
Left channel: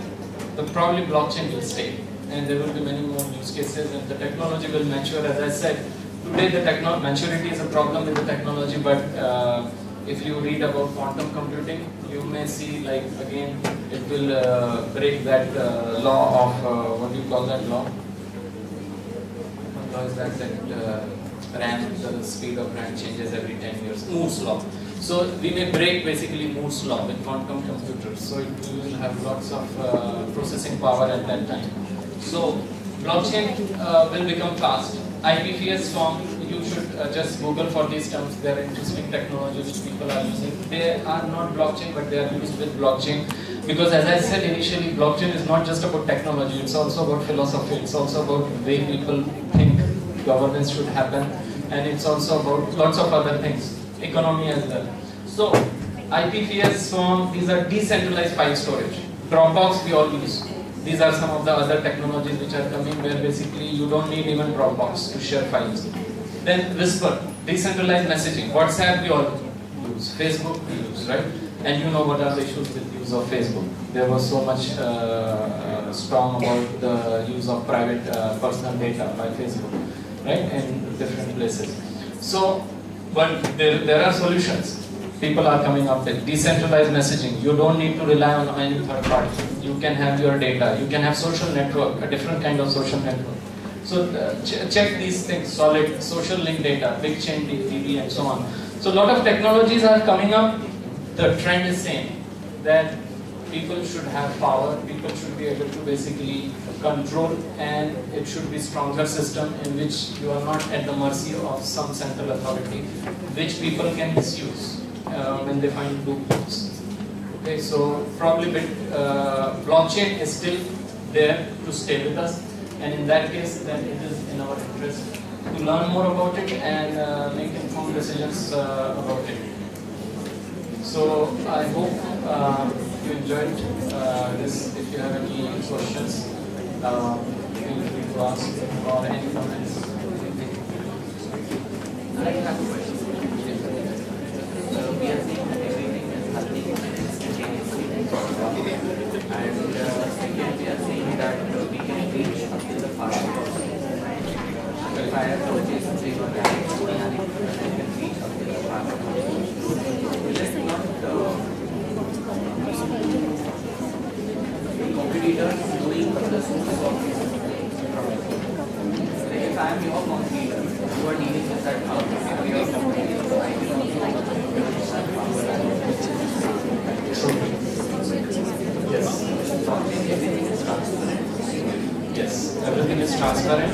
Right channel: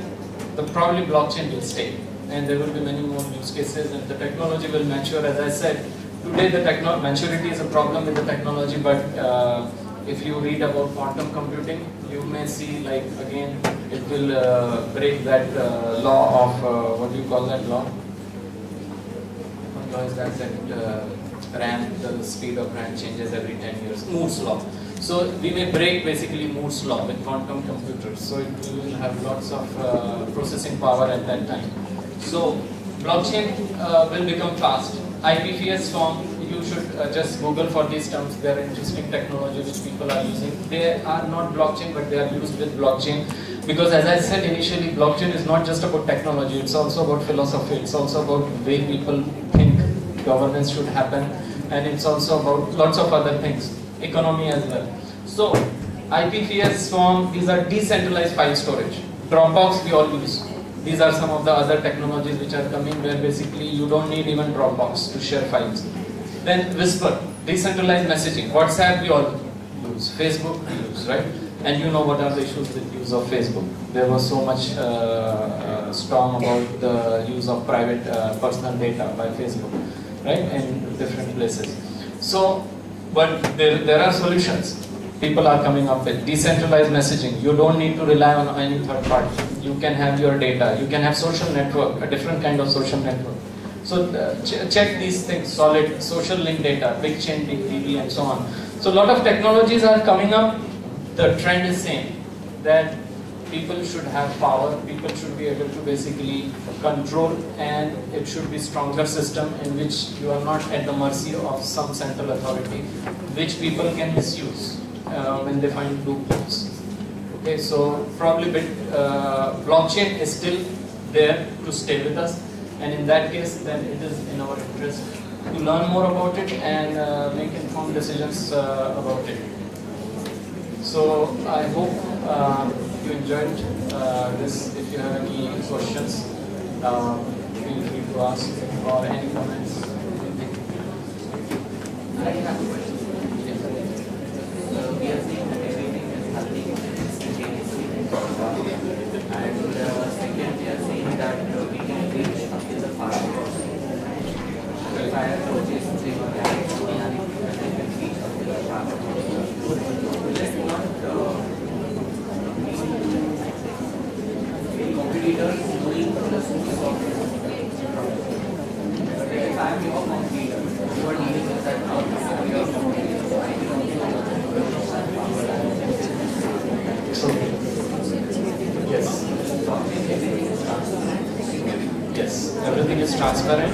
probably blockchain will stay, and there will be many more use cases, and the technology will mature. As I said, today the maturity is a problem with the technology, but if you read about quantum computing, you may see, like, again, it will break that law of, what do you call that law? What law is that? RAM, the speed of RAM changes every 10 years, Moore's law. So we may break basically Moore's law with quantum computers. So it will have lots of processing power at that time. So blockchain will become fast. IPFS form, you should just Google for these terms. They are interesting technology which people are using. They are not blockchain, but they are used with blockchain. Because as I said initially, blockchain is not just about technology, it's also about philosophy, it's also about the way people think governance should happen, and it's also about lots of other things, economy as well. So IPFS form, these are decentralized file storage. Dropbox we all use. These are some of the other technologies which are coming, where basically you don't need even Dropbox to share files. Then Whisper, decentralized messaging. WhatsApp we all use, Facebook we use, right? And you know what are the issues with use of Facebook. There was so much storm about the use of private personal data by Facebook, right? In different places. So, but there are solutions. People are coming up with decentralized messaging. You don't need to rely on any third party. You can have your data. You can have social network, a different kind of social network. So check these things: solid, social link data, big chain DB, and so on. So a lot of technologies are coming up. The trend is same, that people should have power. People should be able to basically control, and it should be stronger system in which you are not at the mercy of some central authority, which people can misuse when they find loopholes. Okay, so probably blockchain is still there to stay with us, and in that case, then it is in our interest to learn more about it and make informed decisions about it. So I hope you enjoyed this. If you have any questions, feel free to ask, or any comments. I have a question. We are seeing that everything is happening instantaneously, and second, we are saying that we can reach up to the fast. If I have purchased 3 or 4 I can reach up to the fast. Will it not competitors doing the source of like if I am your competitor, you are dealing with that now, your competitor, so I will Yes. everything is transparent. Yes, everything is transparent.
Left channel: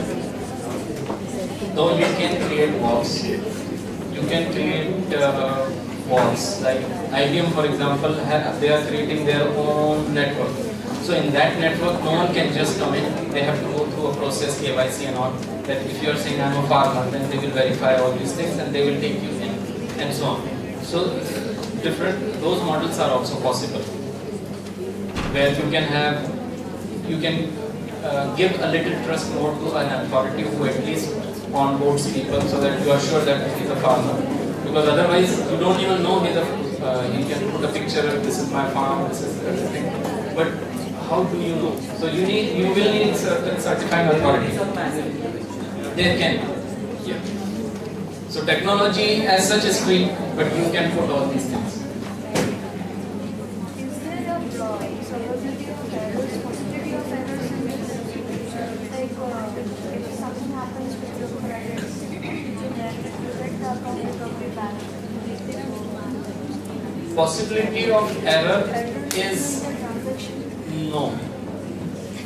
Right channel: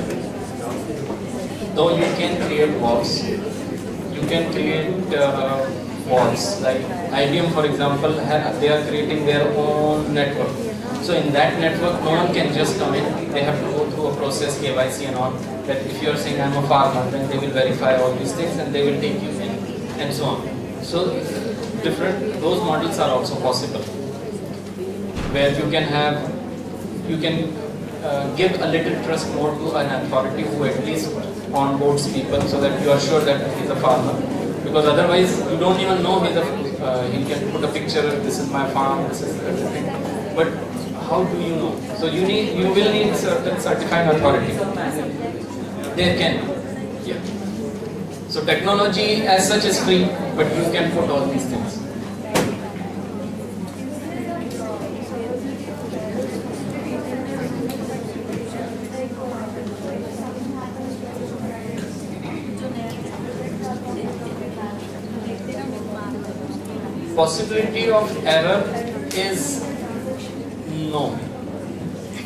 Though you can create walls, you can create walls. Like IBM, for example, they are creating their own network. So in that network, no one can just come in. They have to go through a process, KYC and all. That if you are saying I'm a farmer, then they will verify all these things and they will take you in, and so on. So those models are also possible, where you can give a little trust more to an authority who at least onboards people, so that you are sure that he's a farmer. Because otherwise, you don't even know he can put a picture. This is my farm. This is everything. But how do you know? So you will need certain certifying authority. There can be. Yeah. So technology as such is free, but you can put all these things. Possibility of error is no,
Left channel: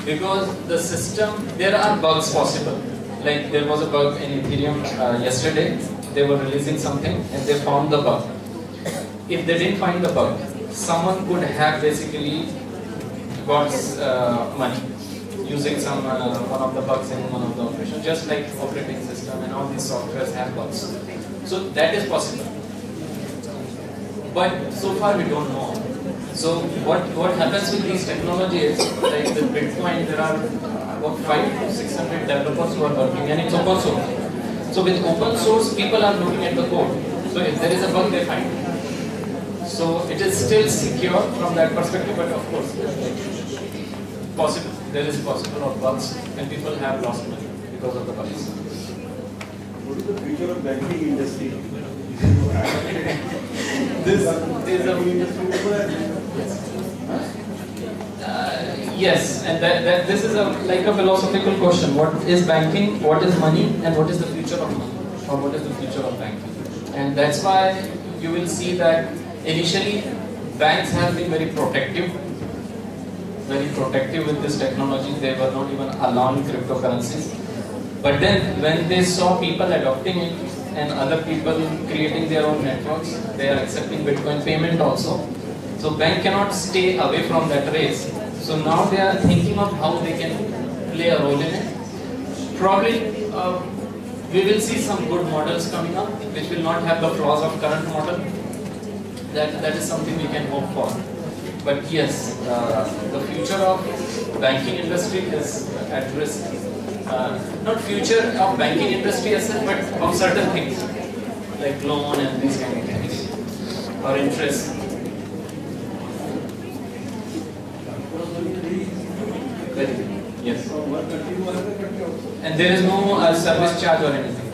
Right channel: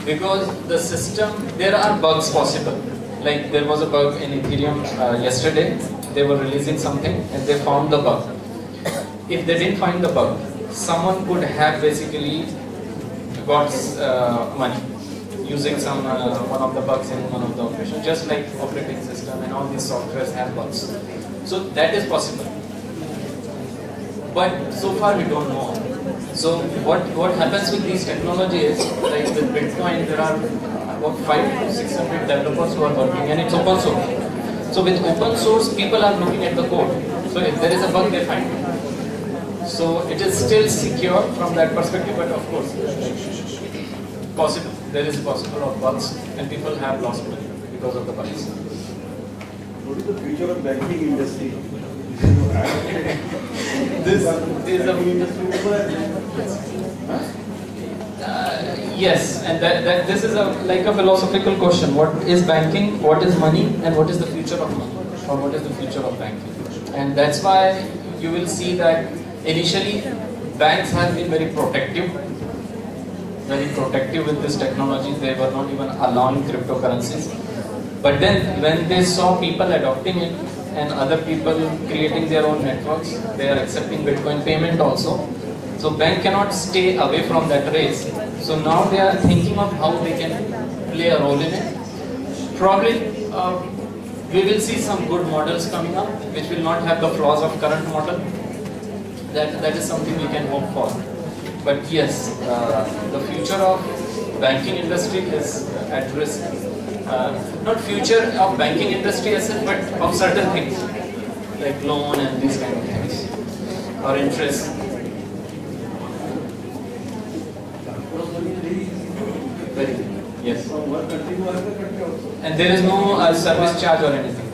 because the system, there are bugs possible. Like there was a bug in Ethereum yesterday. They were releasing something and they found the bug. If they didn't find the bug, someone could have basically got money using some one of the bugs in one of the operations, just like operating system and all these softwares have bugs. So that is possible. But so far we don't know. So what happens with these technologies, like with Bitcoin, there are about 500 to 600 developers who are working, and it's open source. So with open source, people are looking at the code. So if there is a bug, they find it. So it is still secure from that perspective, but of course, possible. There is possible of bugs, and people have lost money because of the bugs. What is the future of banking industry? This is a yes, and this is like a philosophical question. What is banking? What is money? And what is the future of money? Or what is the future of banking? And that's why you will see that initially banks have been very protective with this technology. They were not even allowing cryptocurrencies. But then when they saw people adopting it and other people creating their own networks, they are accepting Bitcoin payment also. So bank cannot stay away from that race. So now they are thinking of how they can play a role in it. Probably we will see some good models coming up which will not have the flaws of current model. That is something we can hope for. But yes, the future of banking industry is at risk. Not future of banking industry as such, but of certain things like loan and these kind of things, or interest. Yes. And there is no service charge or anything,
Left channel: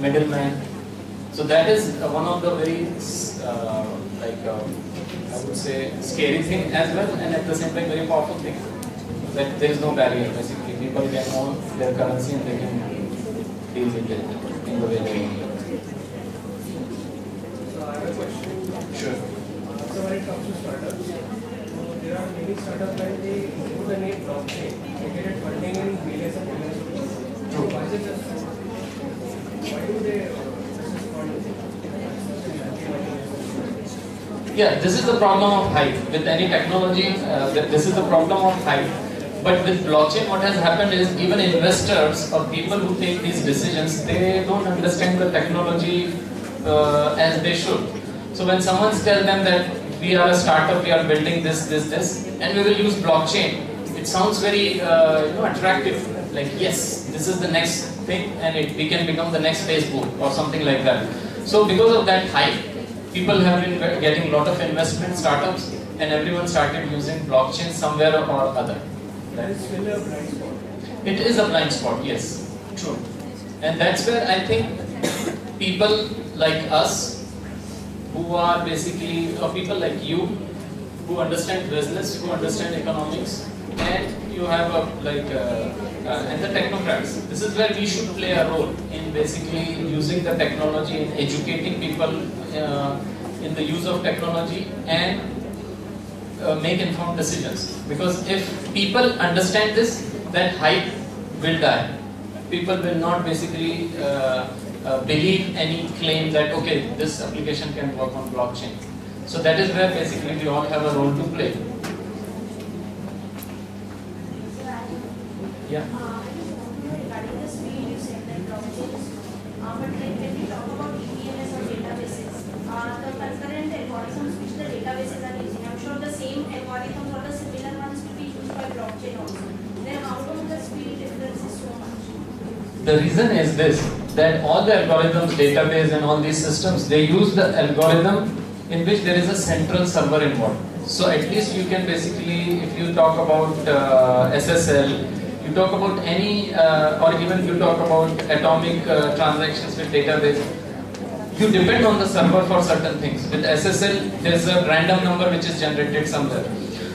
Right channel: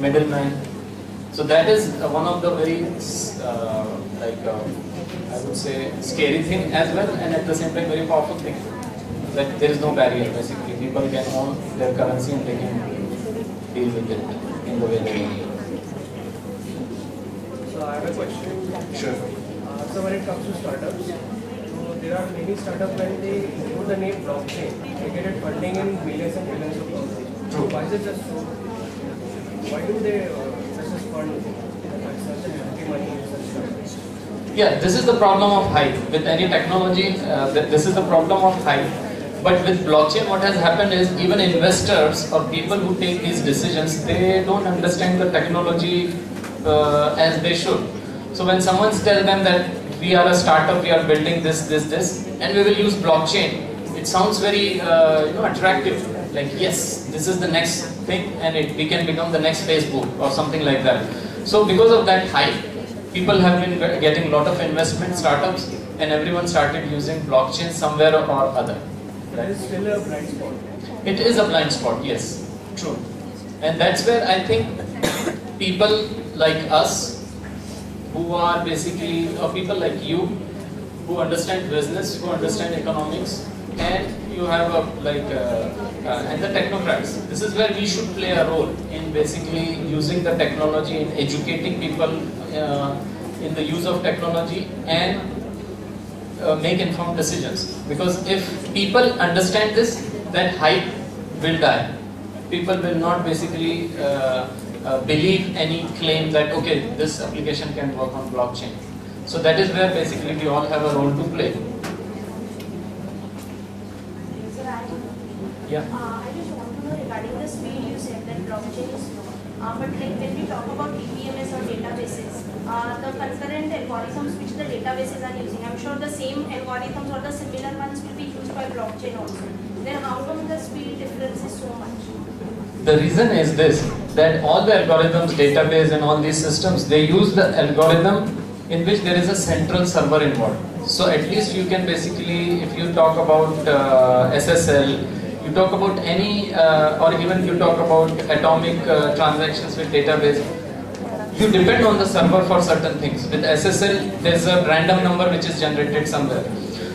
middleman. So that is one of the very I would say scary thing as well, and at the same time very powerful thing. That there is no barrier basically. People can own their currency and they can deal with it in the way they want. So I have a question. Sure. So when it comes to startups, so there are many startups when they put the name blockchain, they get it funding in millions and millions of dollars. True. Why is it just so? Why do they just fund such a hefty money? Yeah, this is the problem of hype. With any technology, this is the problem of hype. But with blockchain, what has happened is even investors or people who take these decisions, they don't understand the technology as they should. So when someone tells them that we are a startup, we are building this, and we will use blockchain, it sounds very attractive. Like yes, this is the next thing, and we can become the next Facebook or something like that. So because of that hype, people have been getting a lot of investment startups, and everyone started using blockchain somewhere or other. That is still a blind spot. It is a blind spot, yes, true. And that's where I think people like us, who are basically, or people like you, who understand business, who understand economics, and you have and the technocrats. This is where we should play a role in basically using the technology, in educating people in the use of technology, and make informed decisions. Because if people understand this, then hype will die. People will not basically believe any claim that okay, this application can work on blockchain. So that is where basically we all have a role to play. Yeah. I just want to know regarding the speed you said that blockchain is slow. But like when we talk about EPMS or databases, the concurrent algorithms which the databases are using, I'm sure the same algorithms or the similar ones will be used by blockchain also. Then how come the speed difference is so much? The reason is this, that all the algorithms, database and all these systems, they use the algorithm in which there is a central server involved. So at least you can basically, if you talk about SSL, you talk about any, or even you talk about atomic transactions with database, you depend on the server for certain things. With SSL, there's a random number which is generated somewhere.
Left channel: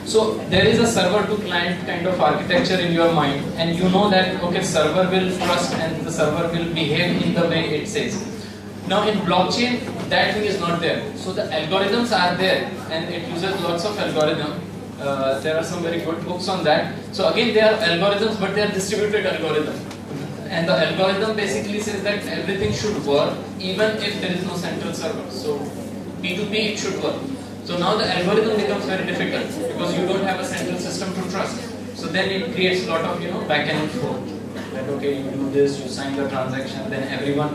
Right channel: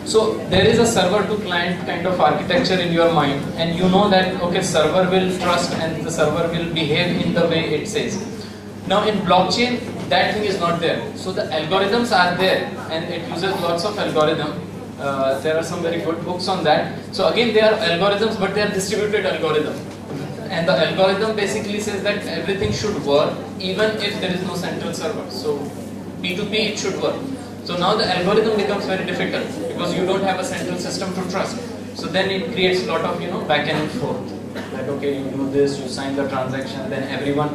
So there is a server to client kind of architecture in your mind, and you know that okay, server will trust and the server will behave in the way it says. Now in blockchain, that thing is not there. So the algorithms are there, and it uses lots of algorithm. There are some very good books on that. So again, they are algorithms, but they are distributed algorithms. And the algorithm basically says that everything should work even if there is no central server. So P2P it should work. So now the algorithm becomes very difficult because you don't have a central system to trust. So then it creates a lot of back and forth. That okay, you do this, you sign the transaction, then everyone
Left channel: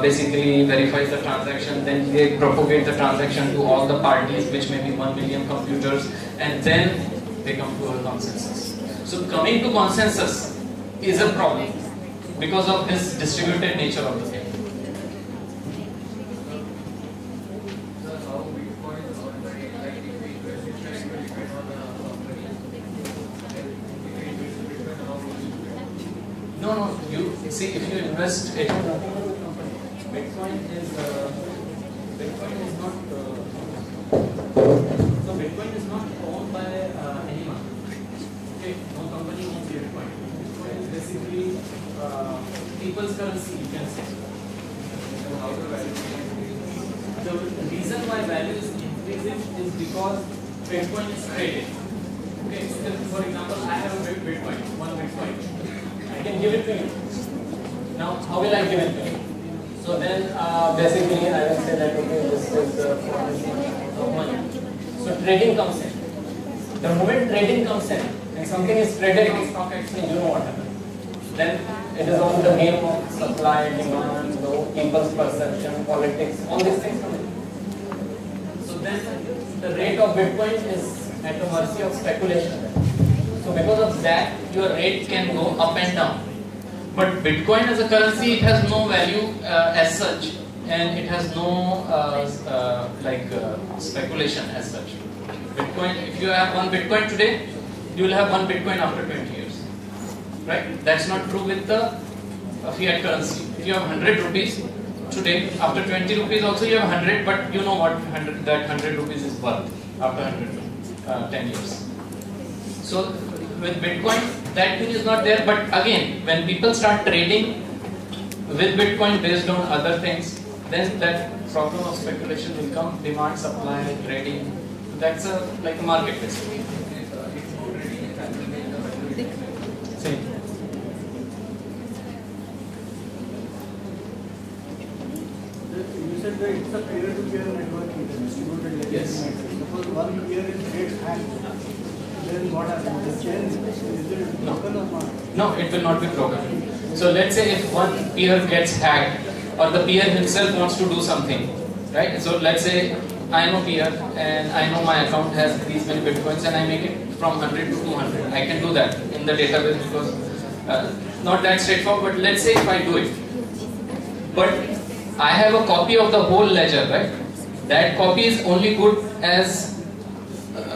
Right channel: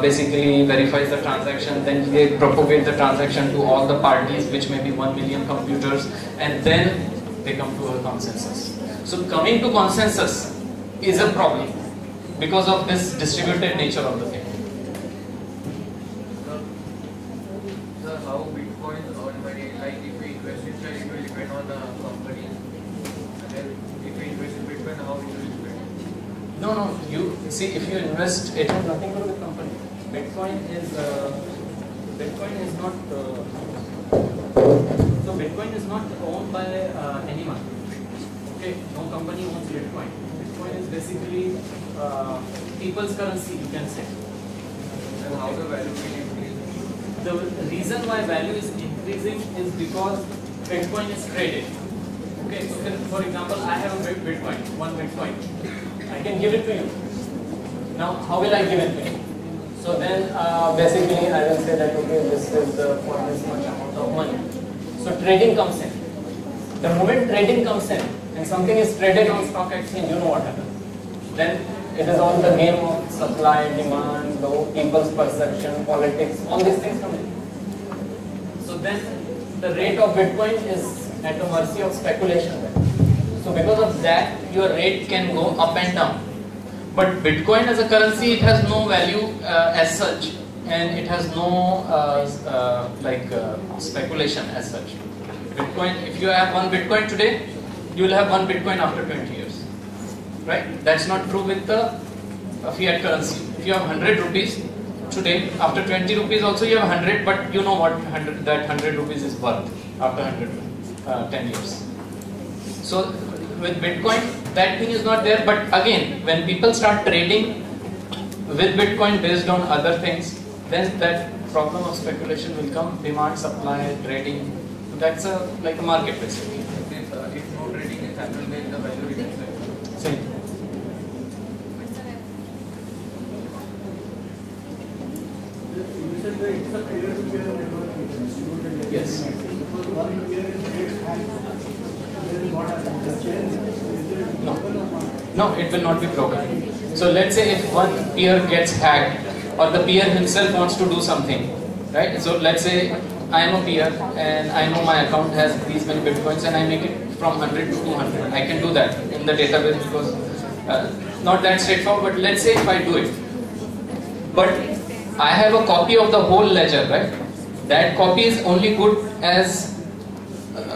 basically verifies the transaction, then they propagate the transaction to all the parties, which may be 1 million computers, and then they come to a consensus. So coming to consensus is a problem because of this distributed nature of the thing. Sir, how Bitcoin or money, like if we invest in share, it will depend on the company. And if we invest in Bitcoin, how will it depend? No, you see, if you invest, it has nothing to do with company. Bitcoin is not. So Bitcoin is not owned by anyone. Okay, no company owns Bitcoin. Bitcoin is basically people's currency, you can say. And how the value will increase? The reason why value is increasing is because Bitcoin is traded. Okay, so then, for example, I have a Bitcoin, one Bitcoin. I can give it to you. Now, how will I give it to you? So then, basically, I will say that okay, this is for this much amount of money. So trading comes in. The moment trading comes in, and something is traded on stock exchange, you know what happens. Then it is on the game of supply, demand, the people's perception, politics, all these things come in. So then the rate of Bitcoin is at the mercy of speculation. So because of that, your rate can go up and down. But Bitcoin as a currency, it has no value as such, and it has no speculation as such. Bitcoin, if you have one Bitcoin today, you will have one Bitcoin after 20 years. Right? That's not true with the fiat currency. If you have 100 rupees today, after 20 rupees also you have 100, but you know what that 100 rupees is worth after 10 years. So with Bitcoin, that thing is not there. But again, when people start trading with Bitcoin based on other things, then that problem of speculation will come, demand, supply, trading. That's like a market basically. If no trading is happening, then the value will decrease. See. You said that it's a peer-to-peer networking, distributed networking. Yes. Suppose one peer gets hacked, then what happens? The chain, is it broken or not? No, it will not be broken. So let's say if one peer gets hacked, or the peer himself wants to do something, right? So let's say I am a peer and I know my account has these many Bitcoins and I make it from 100 to 200. I can do that in the database because not that straightforward, but let's say if I do it. But I have a copy of the whole ledger, right? That copy is only good as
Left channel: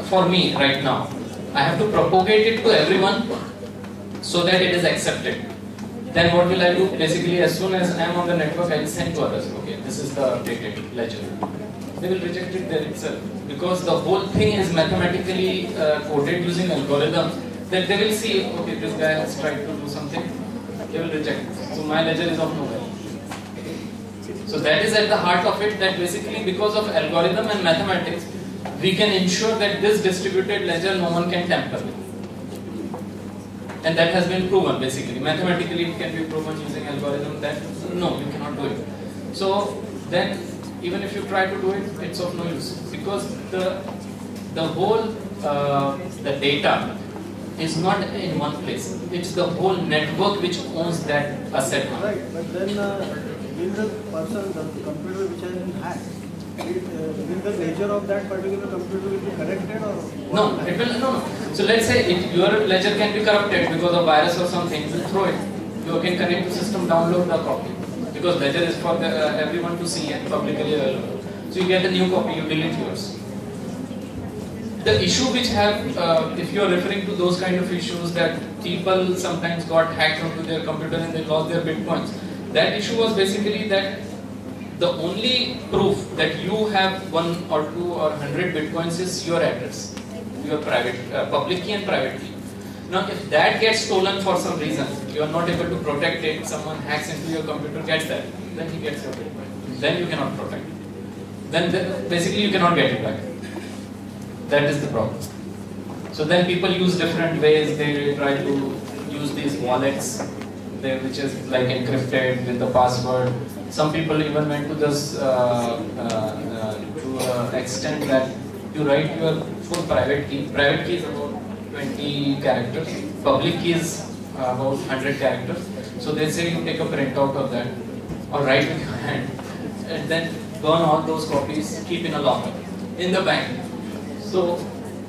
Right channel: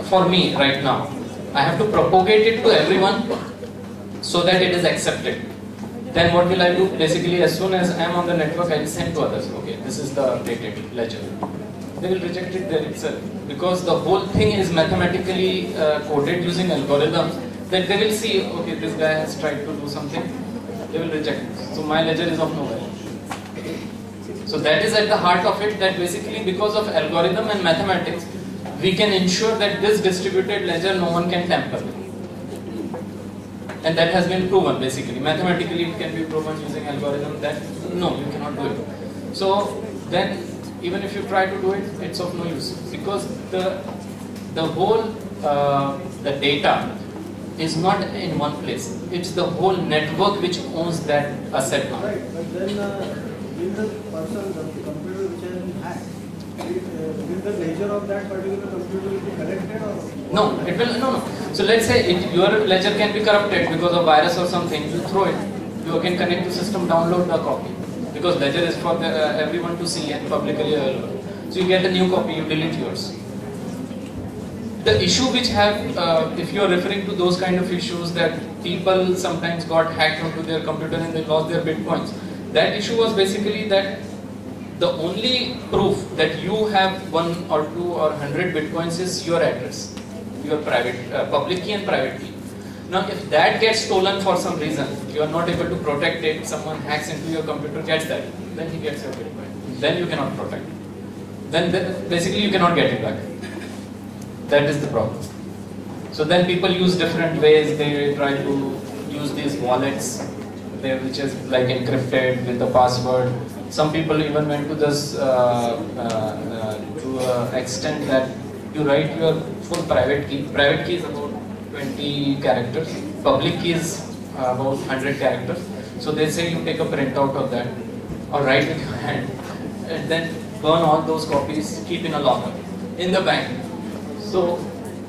for me right now. I have to propagate it to everyone so that it is accepted. Then what will I do? Basically, as soon as I am on the network, I will send to others. Okay, this is the updated ledger. They will reject it there itself because the whole thing is mathematically coded using algorithms. That they will see, okay, this guy has tried to do something. They will reject it. So my ledger is of no value. So that is at the heart of it. That basically, because of algorithm and mathematics, we can ensure that this distributed ledger no one can tamper with. And that has been proven basically. Mathematically it can be proven using algorithm that no, you cannot do it. So then even if you try to do it, it's of no use because the whole the data is not in one place. It's the whole network which owns that asset. Right, but then will the person, the computer which has been hacked, will the nature of that particular computer will be corrected or? No, it will no. So let's say your ledger can be corrupted because of virus or something. You throw it. You can connect to system, download the copy because ledger is for everyone to see and publicly available. So you get a new copy. You delete yours. The issue which have, if you are referring to those kind of issues that people sometimes got hacked onto their computer and they lost their bitcoins, that issue was basically that the only proof that you have 1 or 2 or 100 bitcoins is your address, your private, public key and private key. Now if that gets stolen for some reason, you are not able to protect it, someone hacks into your computer, gets that, then he gets your bitcoin. Then you cannot protect it. Then basically you cannot get it back. That is the problem. So then people use different ways. They try to use these wallets, which is like encrypted with the password. Some people even went to this to an extent that you write your full private key. Private key is about 20 characters. Public key is about 100 characters. So they say you take a printout of that or write with your hand and then burn all those copies, keep in a locker in the bank. So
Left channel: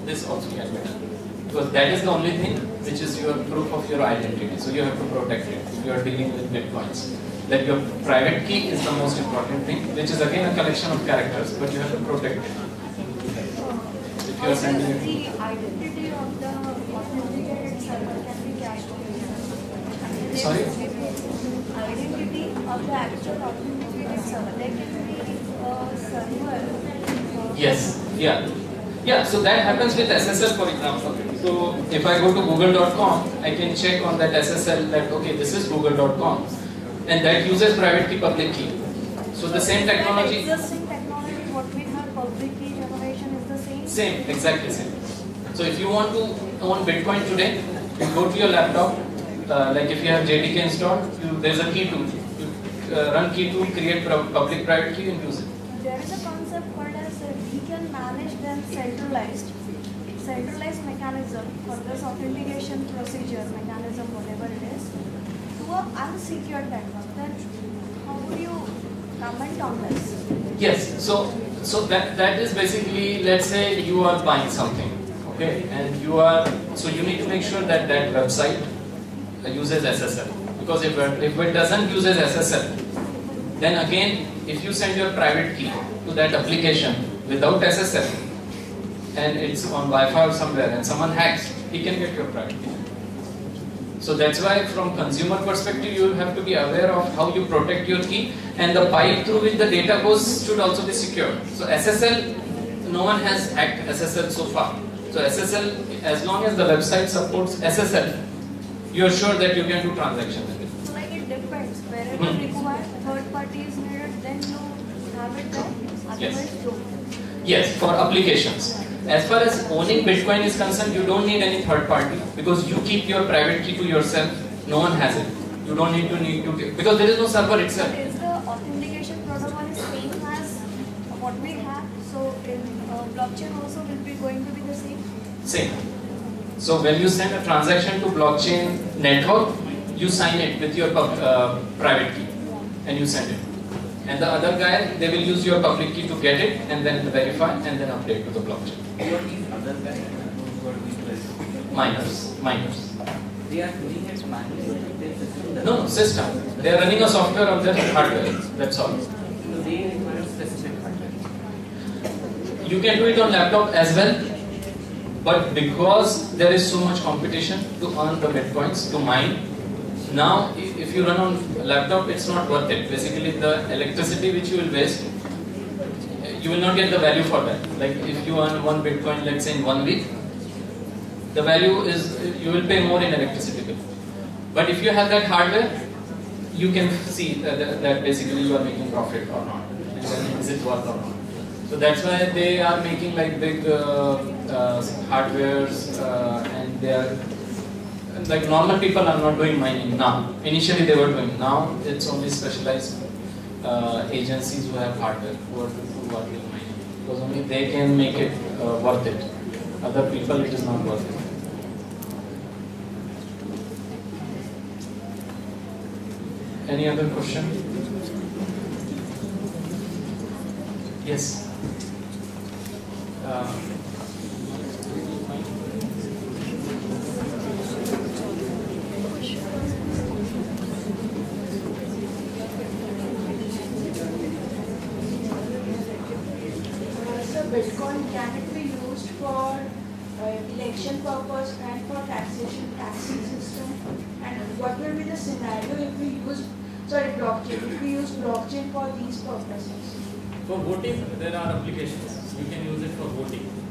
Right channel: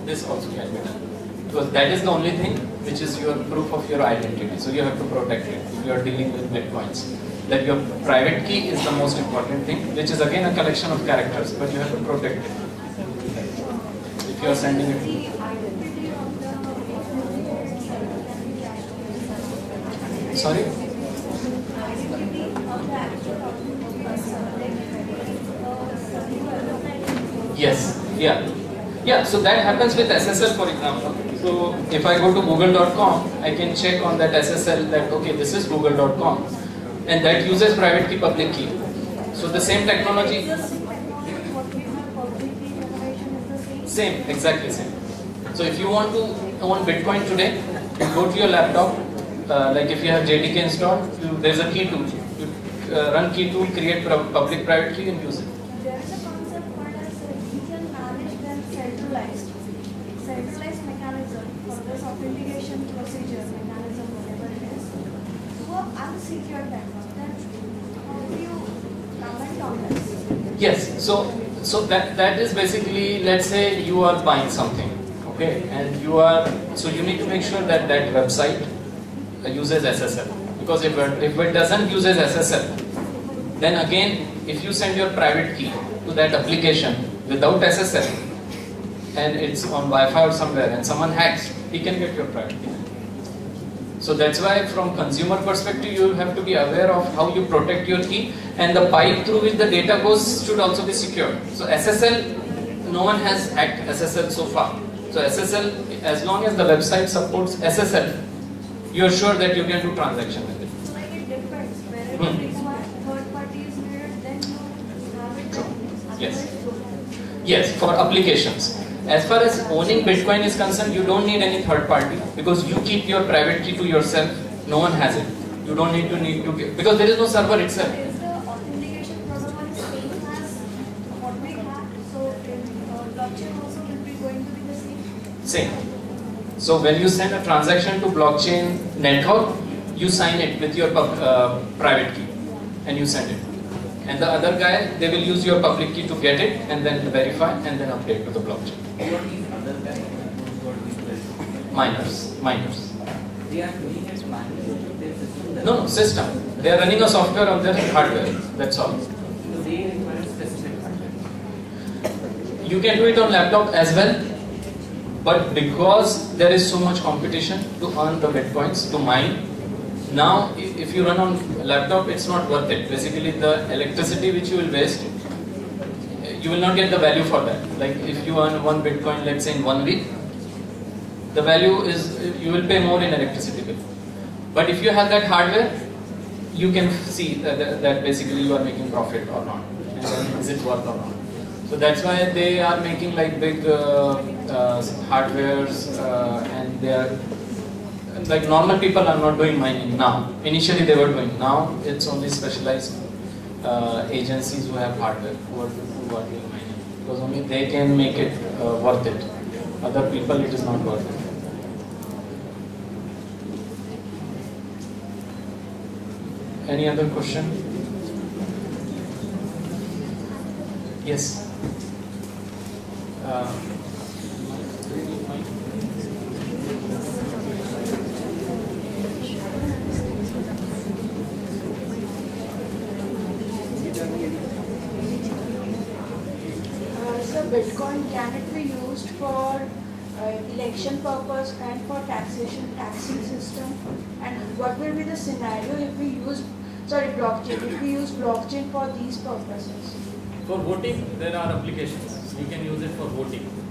this also can be done because that is the only thing which is your proof of your identity. So you have to protect it if you are dealing with bitcoins. That your private key is the most important thing, which is again a collection of characters, but you have to protect it. If you are sending it. The identity of the authenticated server can be cached. Sorry? Identity of the actual authenticated server. Like server. Yes. Yeah. Yeah, so that happens with SSL, for example. So if I go to google.com, I can check on that SSL that, okay, this is google.com. And that uses private key, public key. So the same technology. Existing technology, what we have public key generation is the same? Same, exactly same. So if you want to own Bitcoin today, you go to your laptop, like if you have JDK installed, there's a key tool. You run key tool, create public private key and use it. There is a concept called as we can manage them centralized mechanism for this authentication procedure mechanism, whatever it is, to an unsecured network. Then how do you comment on this? Yes, so that is basically, let's say you are buying something, okay, and you need to make sure that that website uses SSL, because if it doesn't uses SSL, then again, if you send your private key to that application without SSL, and it's on Wi-Fi or somewhere, and someone hacks, he can get your private key. So that's why from consumer perspective, you have to be aware of how you protect your key, and the pipe through which the data goes should also be secure. So SSL, no one has hacked SSL so far. So SSL, as long as the website supports SSL, you are sure that you can do transaction with it. So like it depends. Wherever required, third party is needed, then you have it there. Otherwise, no. Yes, for applications. As far as owning Bitcoin is concerned, you don't need any third party because you keep your private key to yourself. No one has it. You don't need to because there is no server itself. Is the authentication protocol is same as what we have? So in blockchain also will be going to be the same? Same. So when you send a transaction to blockchain network, you sign it with your private key and you send it. And the other guy, they will use your public key to get it and then verify and then update to the blockchain. What is other guys who are doing this? Miners. They are doing it manually. Their system does. No, system. They are running a software on their hardware. That's all. So they require specific hardware. You can do it on laptop as well, but because there is so much competition to earn the bitcoins, to mine, now if you run on laptop, it's not worth it. Basically, the electricity which you will waste, you will not get the value for that. Like if you earn 1 bitcoin, let's say in 1 week, the value is, you will pay more in electricity bill. But if you have that hardware, you can see that basically you are making profit or not, and then is it worth or not. So that's why they are making like big hardwares, and they are like normal people are not doing mining now. Initially they were doing. Now it's only specialized agencies who have hardware who are doing mining, because only they can make it worth it. Other people, it is not worth it. Any other question? Yes. So Bitcoin, can it be used for election purpose and for taxing system? And what will be the scenario if we use, blockchain, if we use blockchain for these purposes? For voting, there are applications. You can use it for voting.